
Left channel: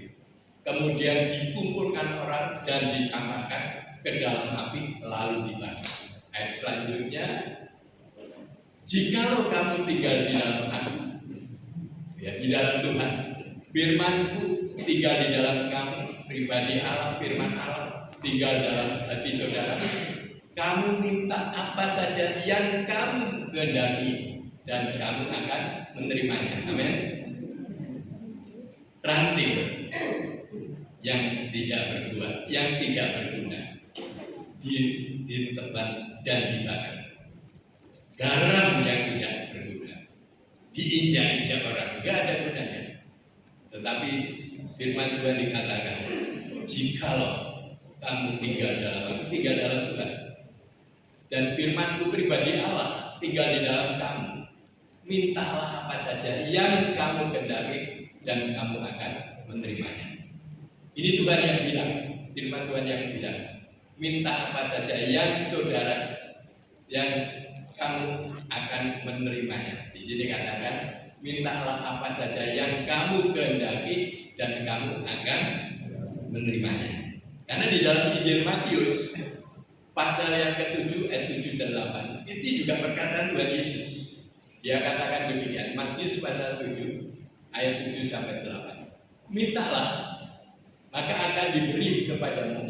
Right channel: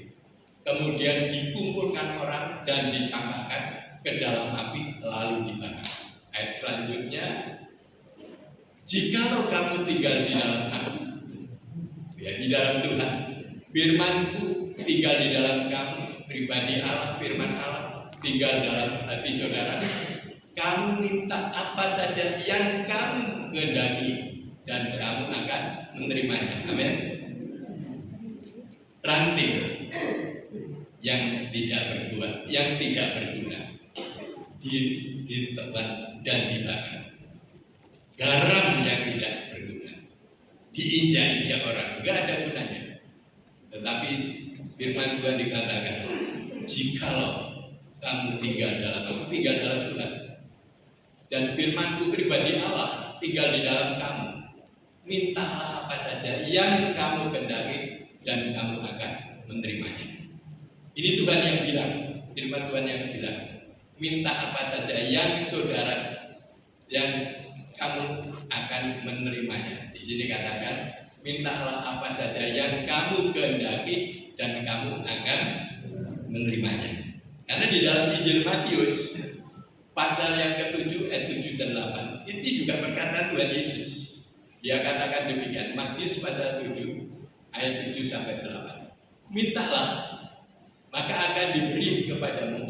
Kemudian dikumpulkan orang dan dicampakkan ke dalam api lalu dibakar. Ayat selanjutnya, jikalau kamu tinggal di dalam aku, ya di dalam Tuhan, firman-Ku tinggal di dalam kamu, pribadi Allah, firman Allah tinggal dalam hati saudara, kamu minta apa saja yang kamu kehendaki dan kamu akan menerimanya. Amin. Ranting yang tidak berbuah, yang tidak berguna ditebang dan dibakar. Garam yang tidak berguna diinjak-injak orang, nggak ada gunanya. Tetapi firman Tuhan dikatakan, jikalau kamu tinggal dalam aku, tinggal dalam Tuhan, dan firman-Ku pribadi Allah tinggal di dalam kamu, mintalah apa saja yang kamu kehendaki dan kamu akan menerimanya. Ini Tuhan yang bilang, firman Tuhan yang bilang, minta apa saja yang saudara, yang kamu akan menerimanya. Di sini katakan, mintalah apa saja yang kamu kehendaki dan kamu akan menerimanya. Karena di dalam Injil Matius pasal yang ke-7 ayat 7 dan 8 ini juga perkataan Tuhan Yesus. Dia katakan demikian, Matius pasal 7 ayat 7 sampai 8. Mintalah maka akan diberi kepadamu.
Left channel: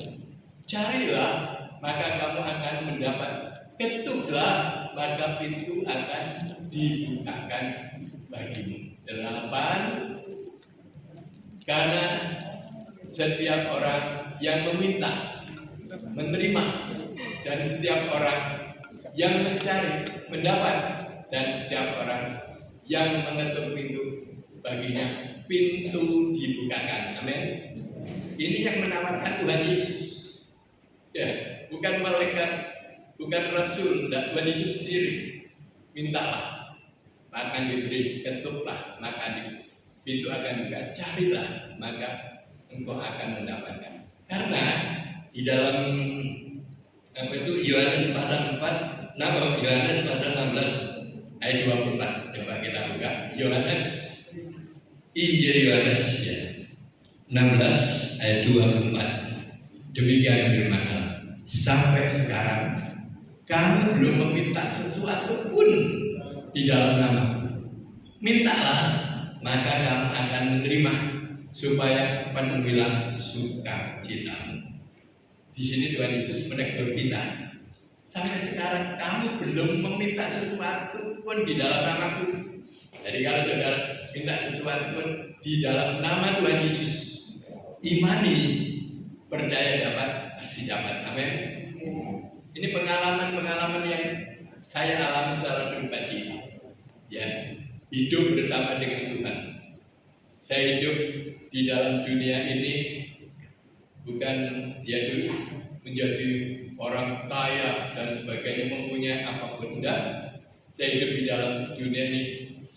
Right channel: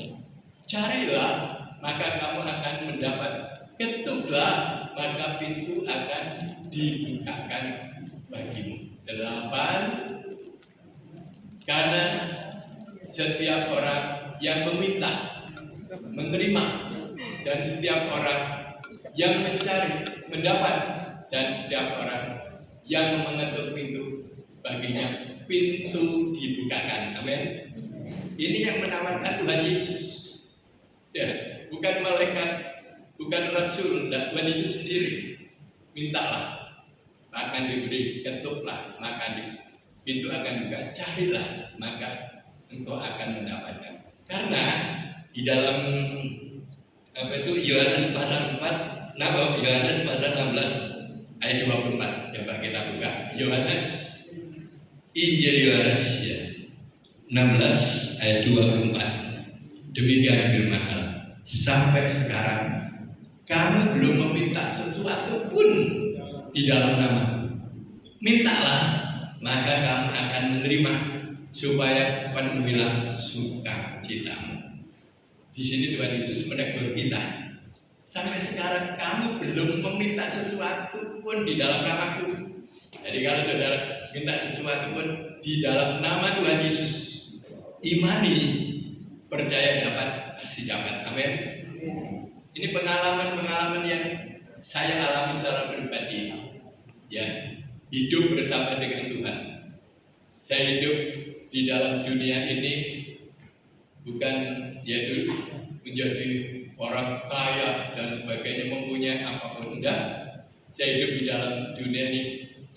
Carilah maka kamu akan mendapat. Ketuklah maka pintu akan dibukakan bagimu. 8. Karena setiap orang yang meminta menerima, dan setiap orang yang mencari mendapat, dan setiap orang yang mengetuk pintu baginya pintu dibukakan. Amin. Ini yang menawarkan Tuhan Yesus, ya, bukan malaikat, bukan rasul, Tuhan Yesus sendiri. Mintalah maka diberi, ketuklah maka pintu akan dibuka, carilah maka engkau akan mendapatkan. Karena di dalam Yohanes pasal 4, Yohanes pasal 16 ayat 24. Coba kita buka Yohanes, Injil Yohanes ya, 16 ayat 24. Demikian firman Allah. Sampai sekarang kamu belum meminta sesuatu pun di dalam namaku. Mintalah maka kamu akan menerima, supaya penuhilah sukacitamu. Di sini Tuhan Yesus menegur kita. Sampai sekarang kamu belum meminta sesuatu pun di dalam namaku. Jadi kalau saudara minta sesuatu pun di dalam nama Tuhan Yesus, imani, percaya dapat, pasti dapat. Amin. Ini pengalaman-pengalaman yang saya alami secara pribadi. Ya, hidup bersama dengan Tuhan. Saya hidup di dalam dunia ini bukan yaitu menjadi orang kaya dan sebagainya, mempunyai apapun. Enggak. Saya hidup di dalam dunia ini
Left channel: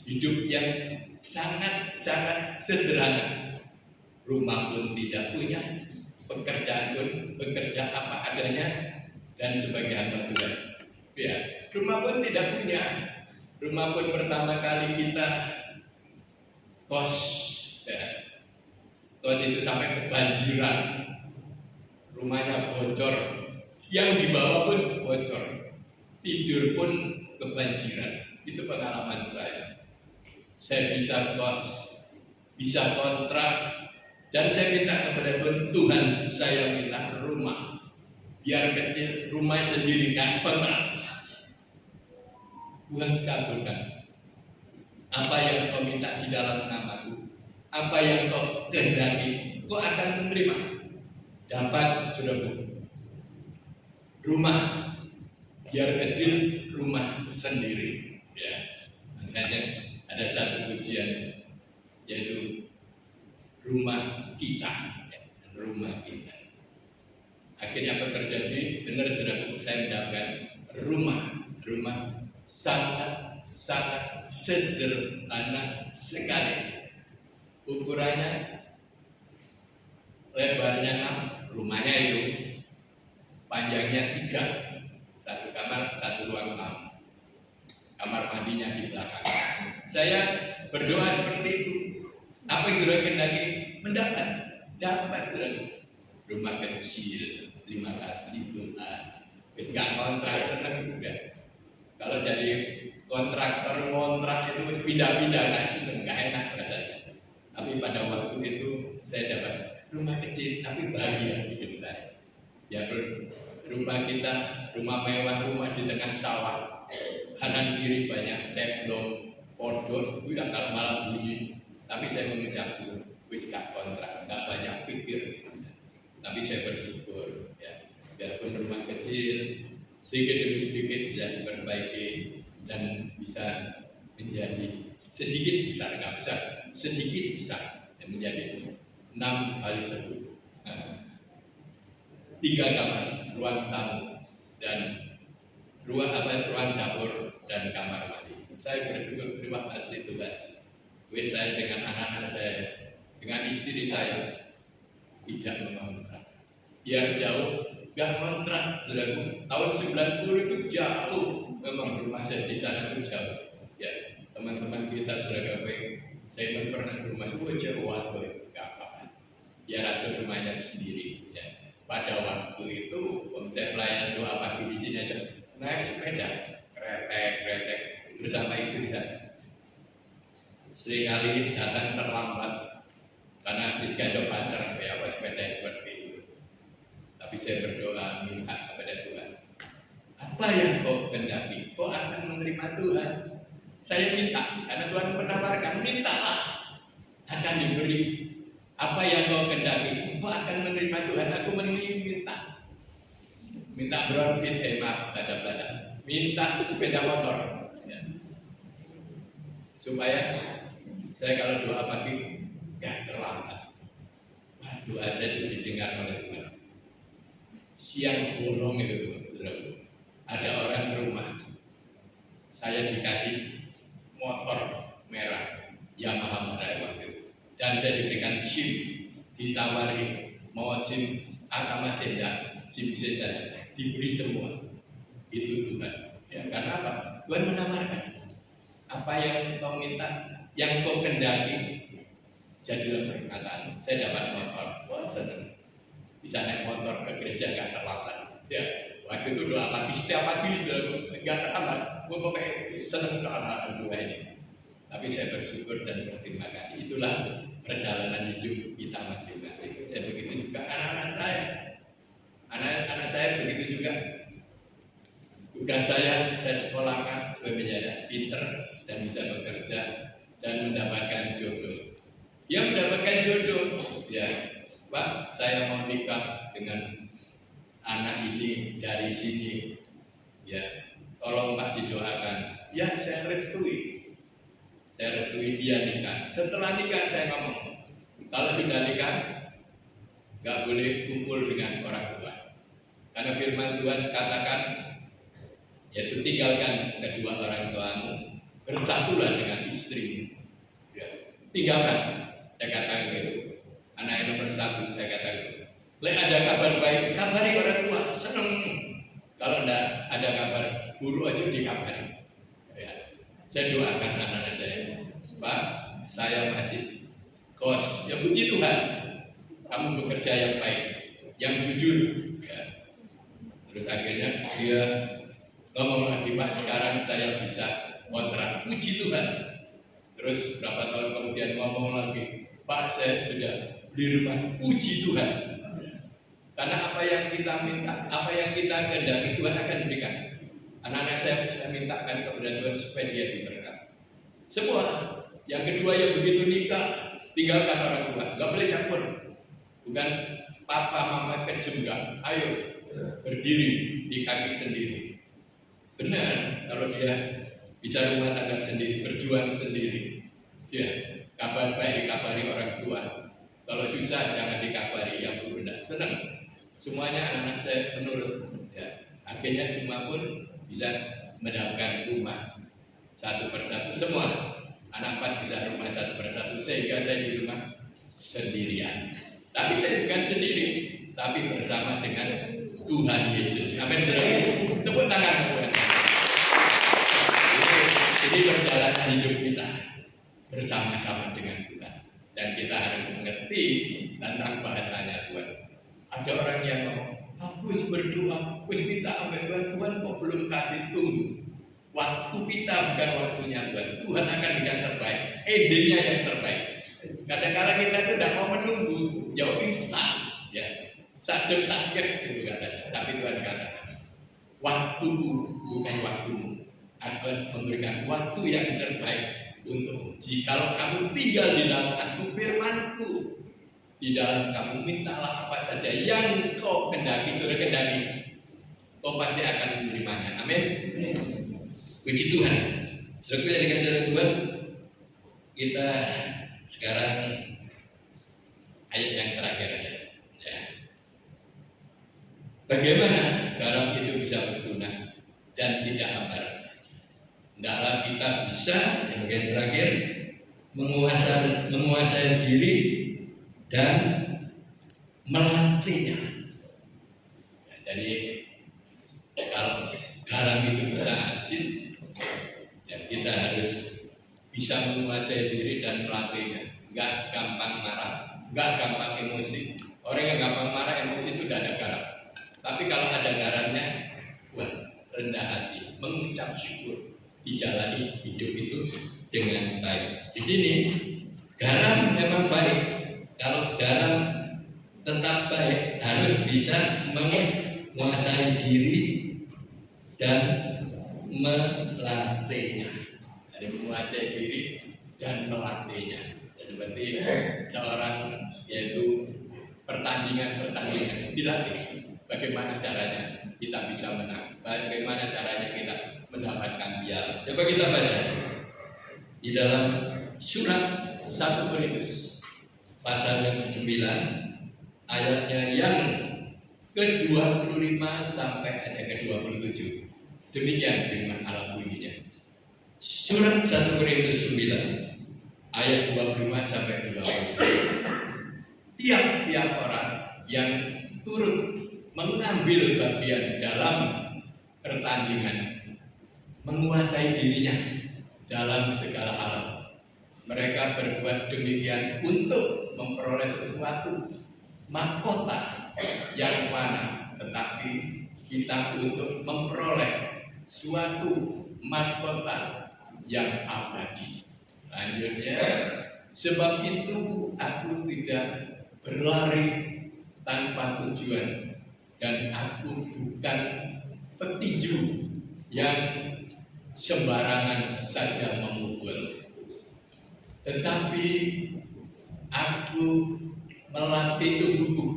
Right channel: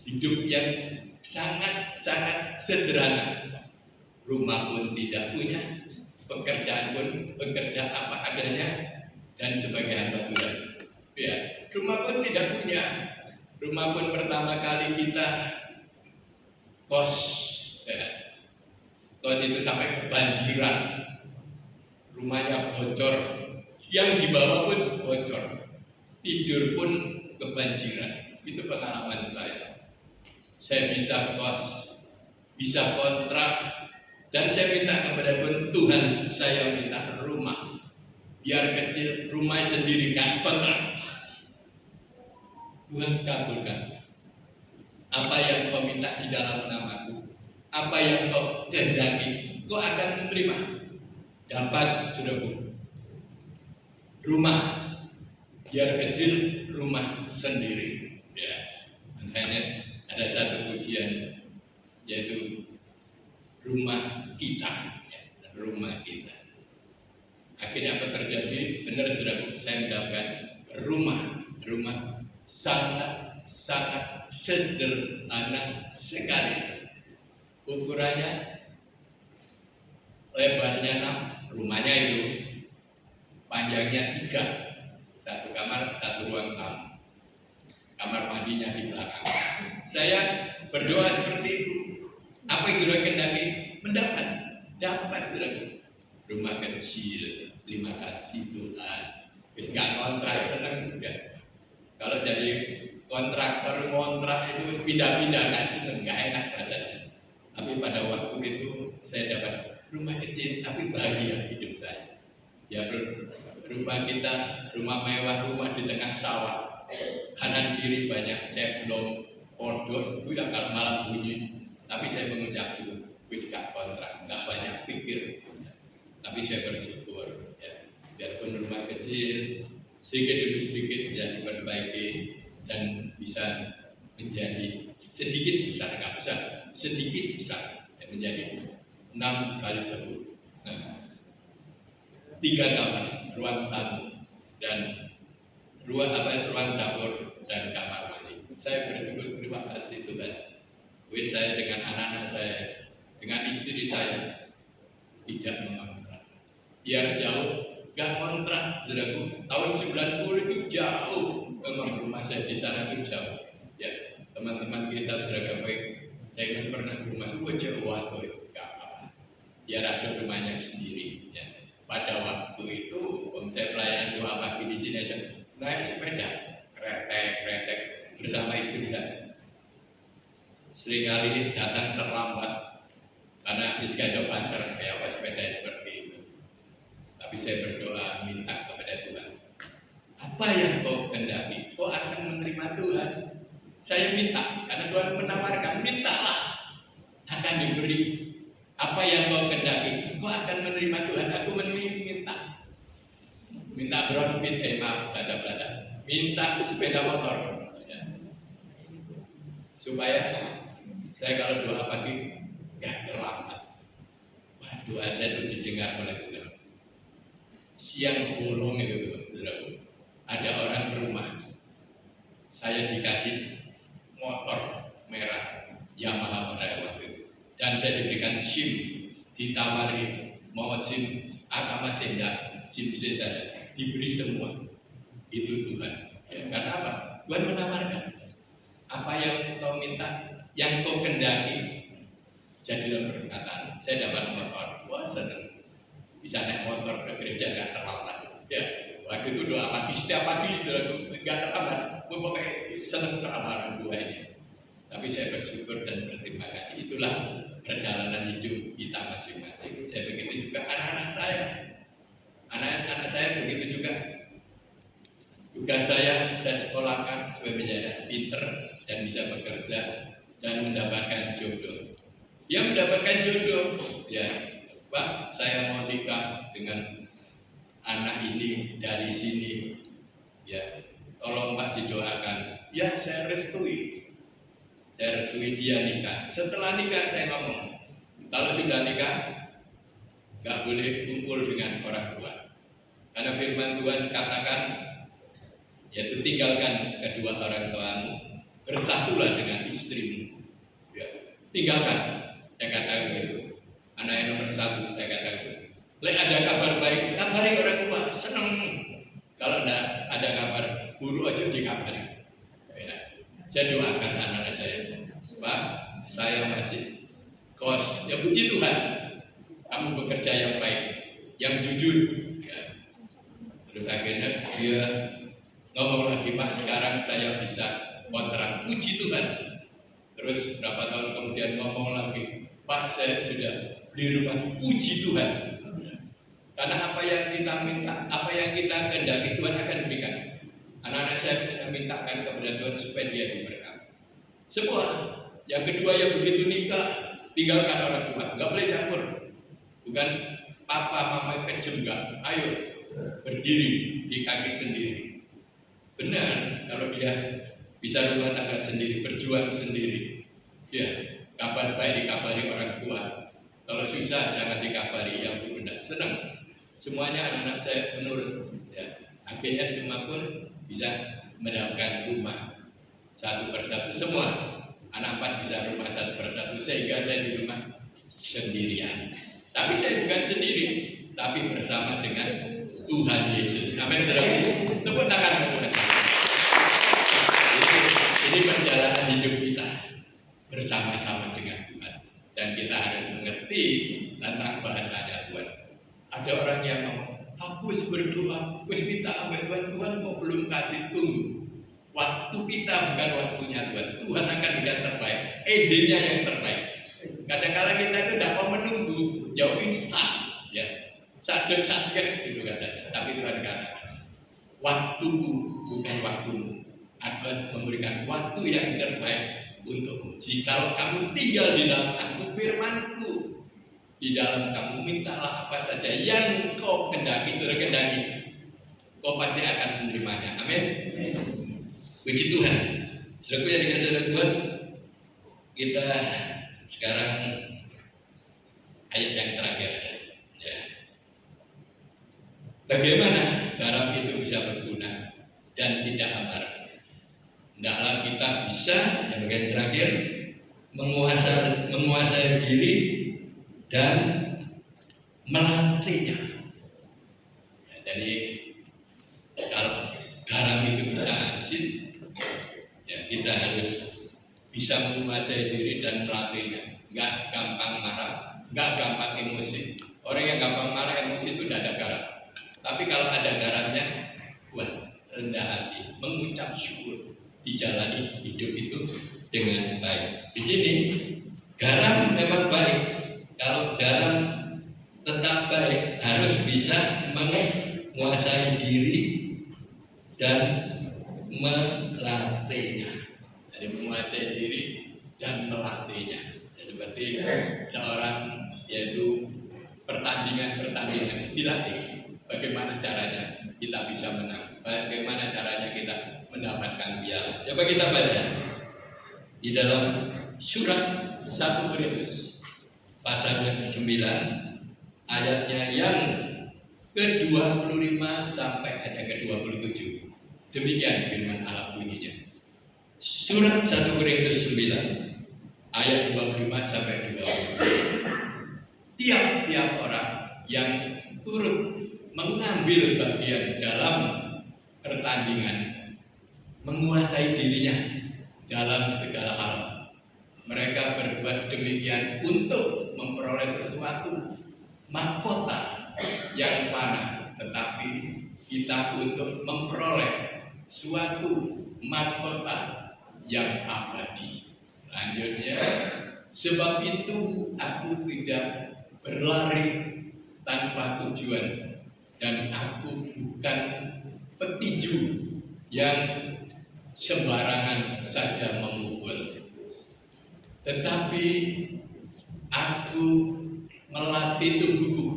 hidup yang sangat-sangat sederhana. Rumah pun tidak punya, pekerjaan pun bekerja apa adanya, dan sebagai hamba Tuhan. Ya, rumah pun tidak punya. Rumah pun pertama kali kita kos, ya. Kos itu sampai kebanjiran, rumahnya bocor, yang dibawa pun bocor, tidur pun kebanjiran. Itu pengalaman saya. Saya bisa kos, bisa kontrak, dan saya minta kepada Tuhan, saya minta rumah, biar kecil, rumah sendiri, kan kontrak. Tuhan kabulkan. Apa yang kau minta di dalam namaku, apa yang kau kehendaki, kau akan menerima. Dapat, saudaraku, rumah, biar kecil, rumah sendiri. Ya, makanya ada satu pujian, yaitu rumah kita, ya, rumah kita. Akhirnya apa terjadi? Benar, saudaraku, saya mendapatkan rumah sangat sederhana sekali. Ukurannya, lebarnya 6, rumahnya itu panjangnya 3, 1 kamar 1 ruang tamu, kamar mandinya di belakang. Saya berdoa seperti itu. Apa yang sudah kehendaki, mendapat, saudara. Rumah kecil, terima kasih Tuhan. Enggak kontrak, senang juga. Kalau jadi kontraktor ngontrak itu pindah-pindah, nggak seneng, nggak enak rasanya. Tapi pada waktu itu saya dapat rumah kecil, tapi bahagia hidup saya. Ya, rumah kita, rumah mewah, rumah di tengah sawah, kanan kiri banyak ceblong, pondok, itu yang kalau malam bunyi. Tapi saya mengucap syukur, wis gak kontrak, nggak banyak pikir. Tapi saya bersyukur, ya, biarpun rumah kecil, sedikit demi sedikit bisa diperbaiki dan bisa menjadi sedikit besar, nggak besar, sedikit besar, dan menjadi 6 kali 10. 3 kamar, ruang tamu, dan ruang dapur dan kamar mandi. Saya bersyukur, terima kasih Tuhan. Wis saya dengan anak-anak saya, dengan istri saya tidak mengontrak. Biar jauh, gak kontrak, saudaraku. Tahun 90 itu jauh, memang rumah saya di sana itu jauh. Ya, teman-teman kita saudara baik, saya pernah ke rumah itu jauh waktu, gak apa-apa. Biar ada rumahnya sendiri. Ya. Pada waktu itu, saya pelayanan doa pagi di sini aja, naik sepeda, kretek bersama istri saya. Seringkali datang terlambat karena iskajok banter kayak apa sepeda seperti itu. Tapi saya berdoa minta kepada Tuhan, apa yang kau kehendaki, kau akan menerima Tuhan. Saya minta, karena Tuhan menawarkan, mintalah akan diberi. Apa yang kau kehendaki, kau akan menerima Tuhan. Aku minta bronfit, maaf bahasa Belanda, minta sepeda motor, ya. Supaya saya kalau doa pagi gak terlambat. Doa saya itu didengar oleh Tuhan. Siang bolong itu, ada orang ke rumah, saya dikasih motor merah Yamaha pada waktu itu, dan saya diberikan SIM, ditawari mau SIM A sama C, SIM C saja, diberi semua. Itu Tuhan. Ya, karena apa? Tuhan menawarkan, apa yang kau minta, yang kau kehendaki, jadilah perkataan. Saya dapat motor, wah senang. Bisa naik motor ke gereja nggak terlambat. Ya, waktu itu doa pagi, setiap pagi nggak terlambat. Gue pokoknya senang hal-hal dua ini. Tapi saya bersyukur dan berterima kasih. Itulah perjalanan hidup kita masing-masing. Saya begitu juga anak-anak saya. Anak-anak saya begitu juga. Tugas saya sekolahkan supaya menjadi pinter dan bisa bekerja dan mendapatkan jodoh. Dia mendapatkan jodoh, ya. Pak, saya mau nikah dengan anak ini dari sini, ya tolong Pak didoakan. Ya saya restui dia nikah. Setelah nikah saya ngomong, kalau sudah nikah nggak boleh kumpul dengan orang tua, karena firman Tuhan katakan, yaitu tinggalkan kedua orang tuamu, bersatulah dengan istrimu. Ya, tinggalkan, saya katakan itu. Anak yang nomor 1, saya katakan itu. Lek ada kabar baik, kabari orang tua, seneng. Kalau tidak ada kabar, buru aja dikabari. Ya, saya doakan anak saya, Pak, saya masih kos. Ya puji Tuhan, kamu bekerja yang baik, yang jujur. Ya. Terus akhirnya dia ngomong lagi, Pak, sekarang saya bisa kontrak. Puji Tuhan. Terus berapa tahun kemudian ngomong lagi, Pak, saya sudah beli rumah. Puji Tuhan. Karena apa yang kita minta, apa yang kita kehendaki, Tuhan akan berikan. Anak-anak saya mintakan kepada Tuhan supaya dia diberkati. Semua. Yang kedua, yang begitu nikah, tinggalkan orang tua, nggak boleh campur. Bukan papa mama kejem, enggak. Ayo berdiri di kaki sendiri. Benar, kalau dia bisa rumah tangga sendiri, berjuang sendiri. Ya, kabar baik dikabari orang tua. Kalau susah jangan dikabari yang bunda. Senang. Semuanya anak-anak saya menurut. Ya, akhirnya semua pun bisa mendapatkan rumah satu persatu. Semua anak 4 bisa rumah satu persatu, sehingga saya di rumah sendirian. Tapi saya bukan sendiri, tapi bersama dengan Tuhan Yesus. Amin. Tepuk tangan Tuhan. Ini perjalanan hidup kita bersama-sama dengan Tuhan, dan kita harus mengerti tentang bahasanya Tuhan. Ada orang yang ngomong, aku berdoa, minta sama Tuhan, Tuhan kok belum kasih, tunggu. Waktu kita bukan waktunya Tuhan. Tuhan akan yang terbaik, endingnya yang terbaik. Kadang-kadang kita itu tidak mau menunggu, jauh instan, ya, sadek gitu katanya. Tapi Tuhan kata, waktumu bukan waktumu, akan memberikan waktu yang terbaik untukmu. Jikalau kamu tinggal di dalam aku, firmanku di dalam kamu, mintalah apa saja yang kau kendaki, sudah kendaki, kau pasti akan menerimanya. Amin. Puji Tuhan. Saudara yang dikasih oleh Tuhan, kita sekarang ayat yang terakhir aja. Ya. Bagaimana garam itu bisa berguna dan tidak hambar? Hendaklah kita bisa, yang bagian terakhir, menguasai diri dan melatihnya. Ya, jadi kalau garam itu bisa asin, ya kita harus bisa menguasai diri dan melatihnya. Enggak gampang marah, enggak gampang emosi. Orang yang gampang marah, emosi itu tidak ada garam. Tapi kalau ada garamnya, wah, rendah hati, mengucap syukur, dijalani hidup itu dengan baik. Di sini garam memang baik. Kalau garam tetap baik, harus bisa menguasai diri dan melatihnya. Jadi menguasai diri dan melatihnya. Jadi berarti seorang, yaitu pertandingan dilatih. Bagaimana caranya kita bisa menang? Bagaimana caranya kita mendapatkan piala? Coba kita baca di dalam surat 1 Korintus pasal yang ke-9 ayatnya yang ke-25 sampai ayat ke-27. Demikian firman Allah bunyinya. Surat 1 Korintus 9 ayat 25 sampai 27. Tiap-tiap orang yang turut mengambil bagian dalam pertandingan, menguasai dirinya dalam segala hal, mereka berbuat demikian untuk memperoleh sesuatu mahkota yang mana, tetapi kita untuk memperoleh suatu mahkota yang abadi. Lanjutnya, sebab itu aku tidak berlari tanpa tujuan, dan aku bukan petinju yang sembarangan saja memukul, tetapi aku melatih tubuhku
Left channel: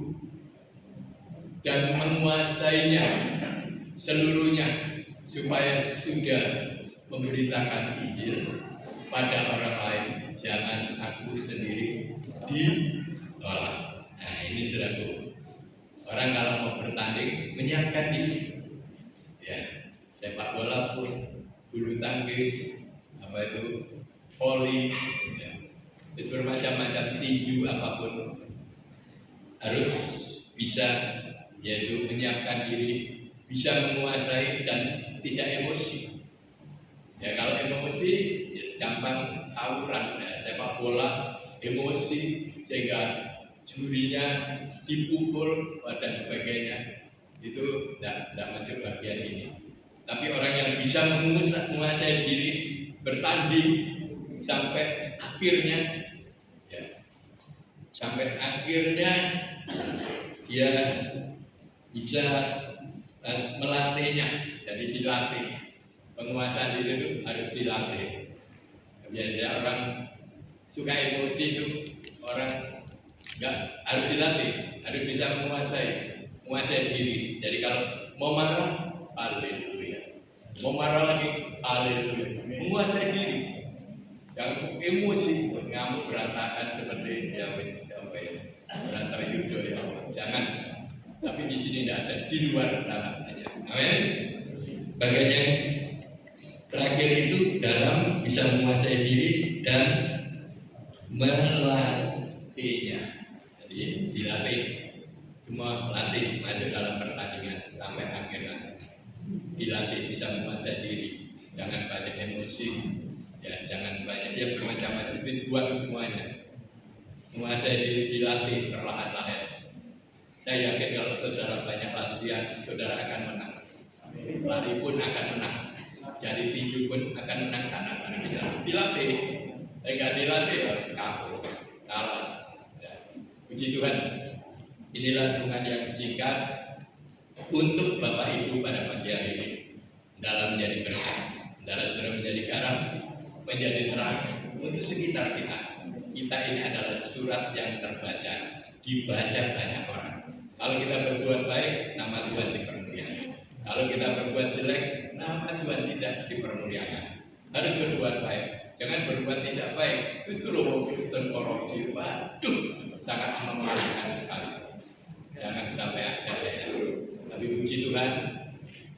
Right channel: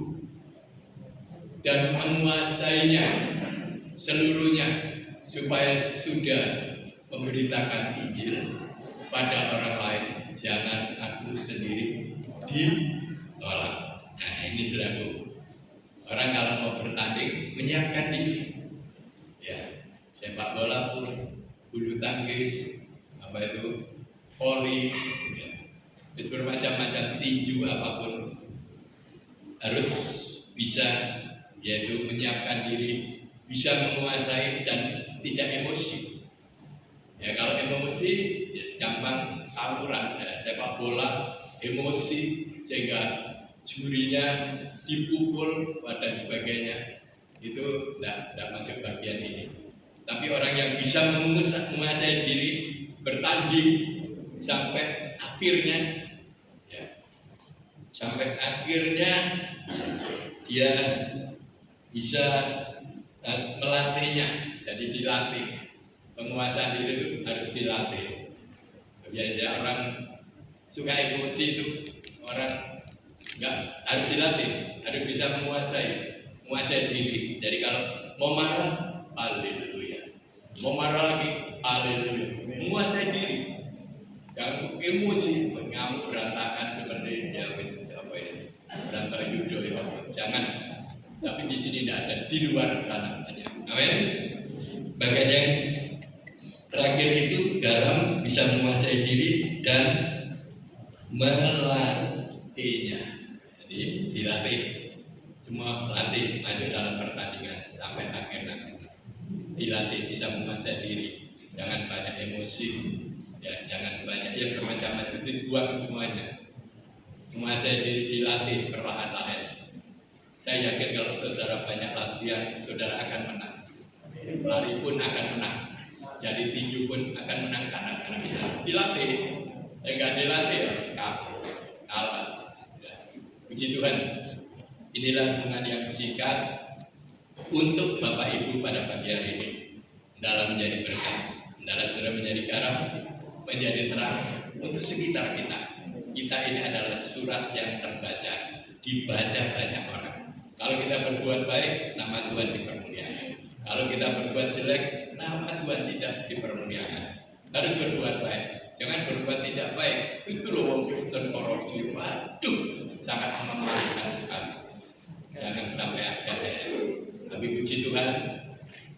dan menguasainya seluruhnya, supaya sudah memberitakan Injil pada orang lain, jangan aku sendiri ditolak. Nah, ini saudaraku, orang kalau mau bertanding menyiapkan diri, ya, sepak bola pun, bulu tangkis, apa itu, voli, ya, bermacam-macam, tinju, apapun harus bisa, yaitu menyiapkan diri, bisa menguasai dan tidak emosi. Ya, kalau emosi ya gampang tawuran, ya, sepak bola emosi sehingga jurinya dipukul dan sebagainya, itu tidak masuk bagian ini. Tapi orang yang bisa menguasai diri, bertanding sampai akhirnya, ya, sampai akhirnya dia bisa melatihnya. Jadi dilatih, penguasaan diri itu harus dilatih. Biasanya orang suka emosi itu orang nggak, harus dilatih, harus bisa menguasai diri. Jadi kalau mau marah, haleluya, mau marah lagi, haleluya, menguasai diri. Yang emosi, ngamuk berantakan seperti ya apa ya, berantakan yudo ya, jangan. Tapi di sini tidak ada, di luar sana aja. Amin. Bagian terakhir itu dalam bisa menguasai diri dan melatihnya. Jadi dilatih, semua latih maju dalam pertandingan sampai akhir nanti. Dilatih bisa menguasai diri, jangan banyak emosi, ya, jangan banyak ya bermacam-macam, dibuang semuanya. Menguasai diri dilatih perlahan-lahan. Saya yakin kalau saudara banyak latihan, saudara akan menang. Lari pun akan menang. Jadi tinju pun akan menang karena bisa dilatih. Enggak dilatih harus kalah. Ya. Puji Tuhan. Inilah renungan yang singkat untuk Bapak Ibu pada pagi hari ini. Dalam menjadi berkat, dalam sudah menjadi garam, menjadi terang untuk sekitar kita. Kita ini adalah surat yang terbaca, dibaca banyak orang. Kalau kita berbuat baik, nama Tuhan dipermuliakan. Kalau kita berbuat jelek, nama Tuhan tidak dipermuliakan. Harus berbuat baik, jangan berbuat tidak baik. Itu loh wong Kristen korupsi, waduh, sangat memalukan sekali. Jangan sampai ada ya. Tapi puji Tuhan,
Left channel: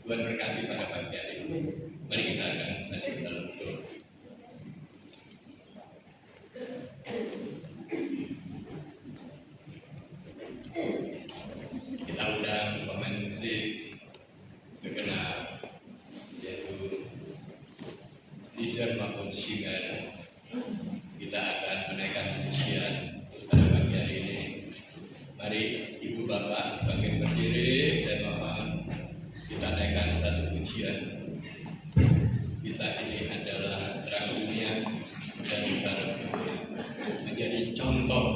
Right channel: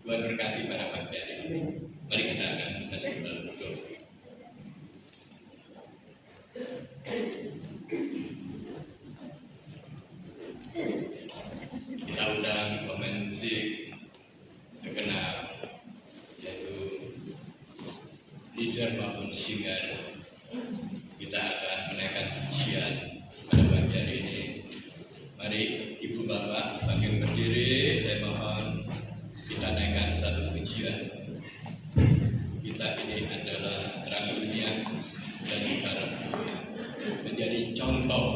Tuhan berkati pada pagi hari ini. Mari kita akan masuk dalam doa. Kita undang pemain musik segenap, yaitu leader maupun singer. Kita akan menaikkan pujian pada pagi hari ini. Mari Ibu Bapak bangkit berdiri, saya mohon kita naikkan satu pujian. Kita ini adalah terang dunia dan garam dunia, menjadi contoh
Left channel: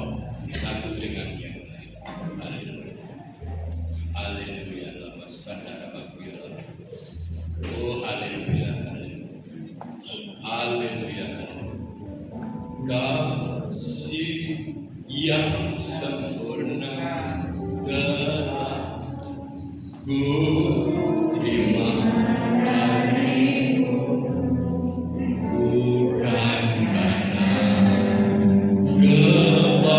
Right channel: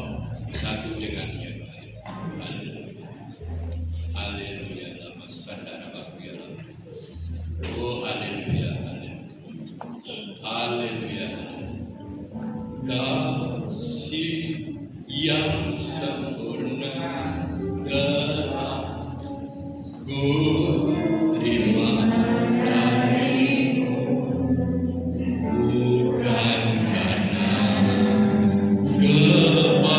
satu dengan yang lain. Haleluya, lama sadara bakuya. Oh haleluya, haleluya. Kasih yang sempurna telah ku terima darimu, bukan karena kebaikanku,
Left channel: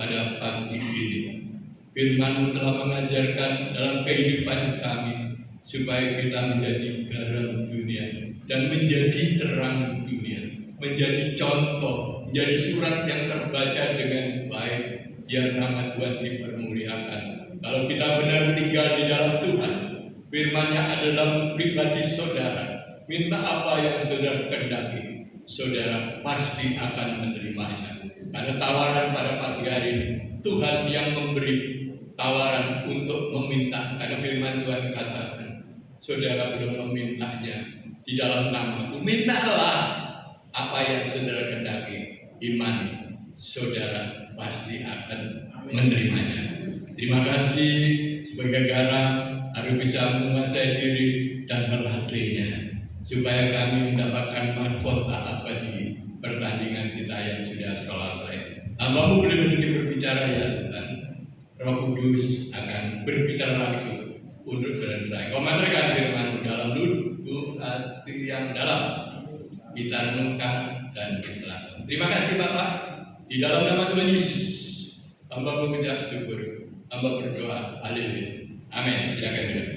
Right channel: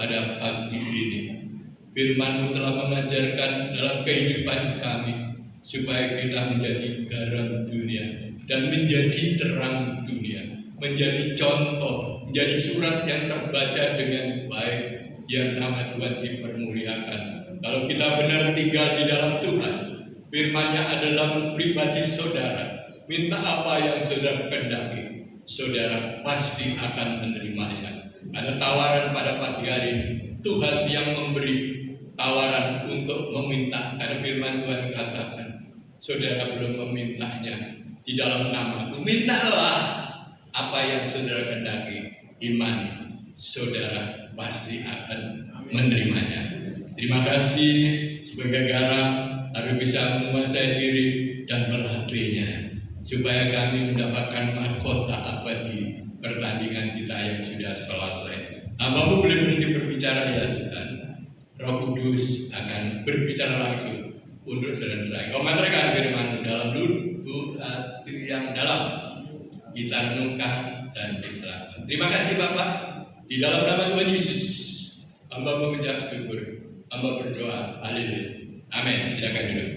pada pagi ini. Firman-Mu telah mengajarkan dalam kehidupan kami supaya kita menjadi garam dunia dan menjadi terang dunia, menjadi contoh, menjadi surat yang terbaca dengan baik, yang nama Tuhan dipermuliakan. Kalau kita benar tinggal di dalam Tuhan, firman-Nya adalah pribadi saudara. Minta apa yang saudara kehendaki, saudara pasti akan menerimanya. Karena tawaran pada pagi hari ini, Tuhan yang memberi tawaran untuk meminta. Karena firman Tuhan katakan, saudara belum memintanya di dalam nama-Ku, mintalah apa yang saudara kehendaki, imani, saudara pasti akan menerimanya. Terima kasih. Sebagai garam harus bisa menguasai diri dan melatihnya, supaya kami mendapatkan mahkota abadi pertandingan kita yang sudah selesai. Hamba-Mu boleh berhenti berbicara ya Tuhan. Roh Kudus akan berbicara langsung untuk saudara saya. Kau mengerjakan firman-Mu dalam lubuk hati yang dalam, kita renungkan dan kita lakukan. Terima kasih Bapak. Di dalam nama Tuhan Yesus, hamba mengucap syukur, hamba berdoa. Haleluya. Amin. Silakan duduk.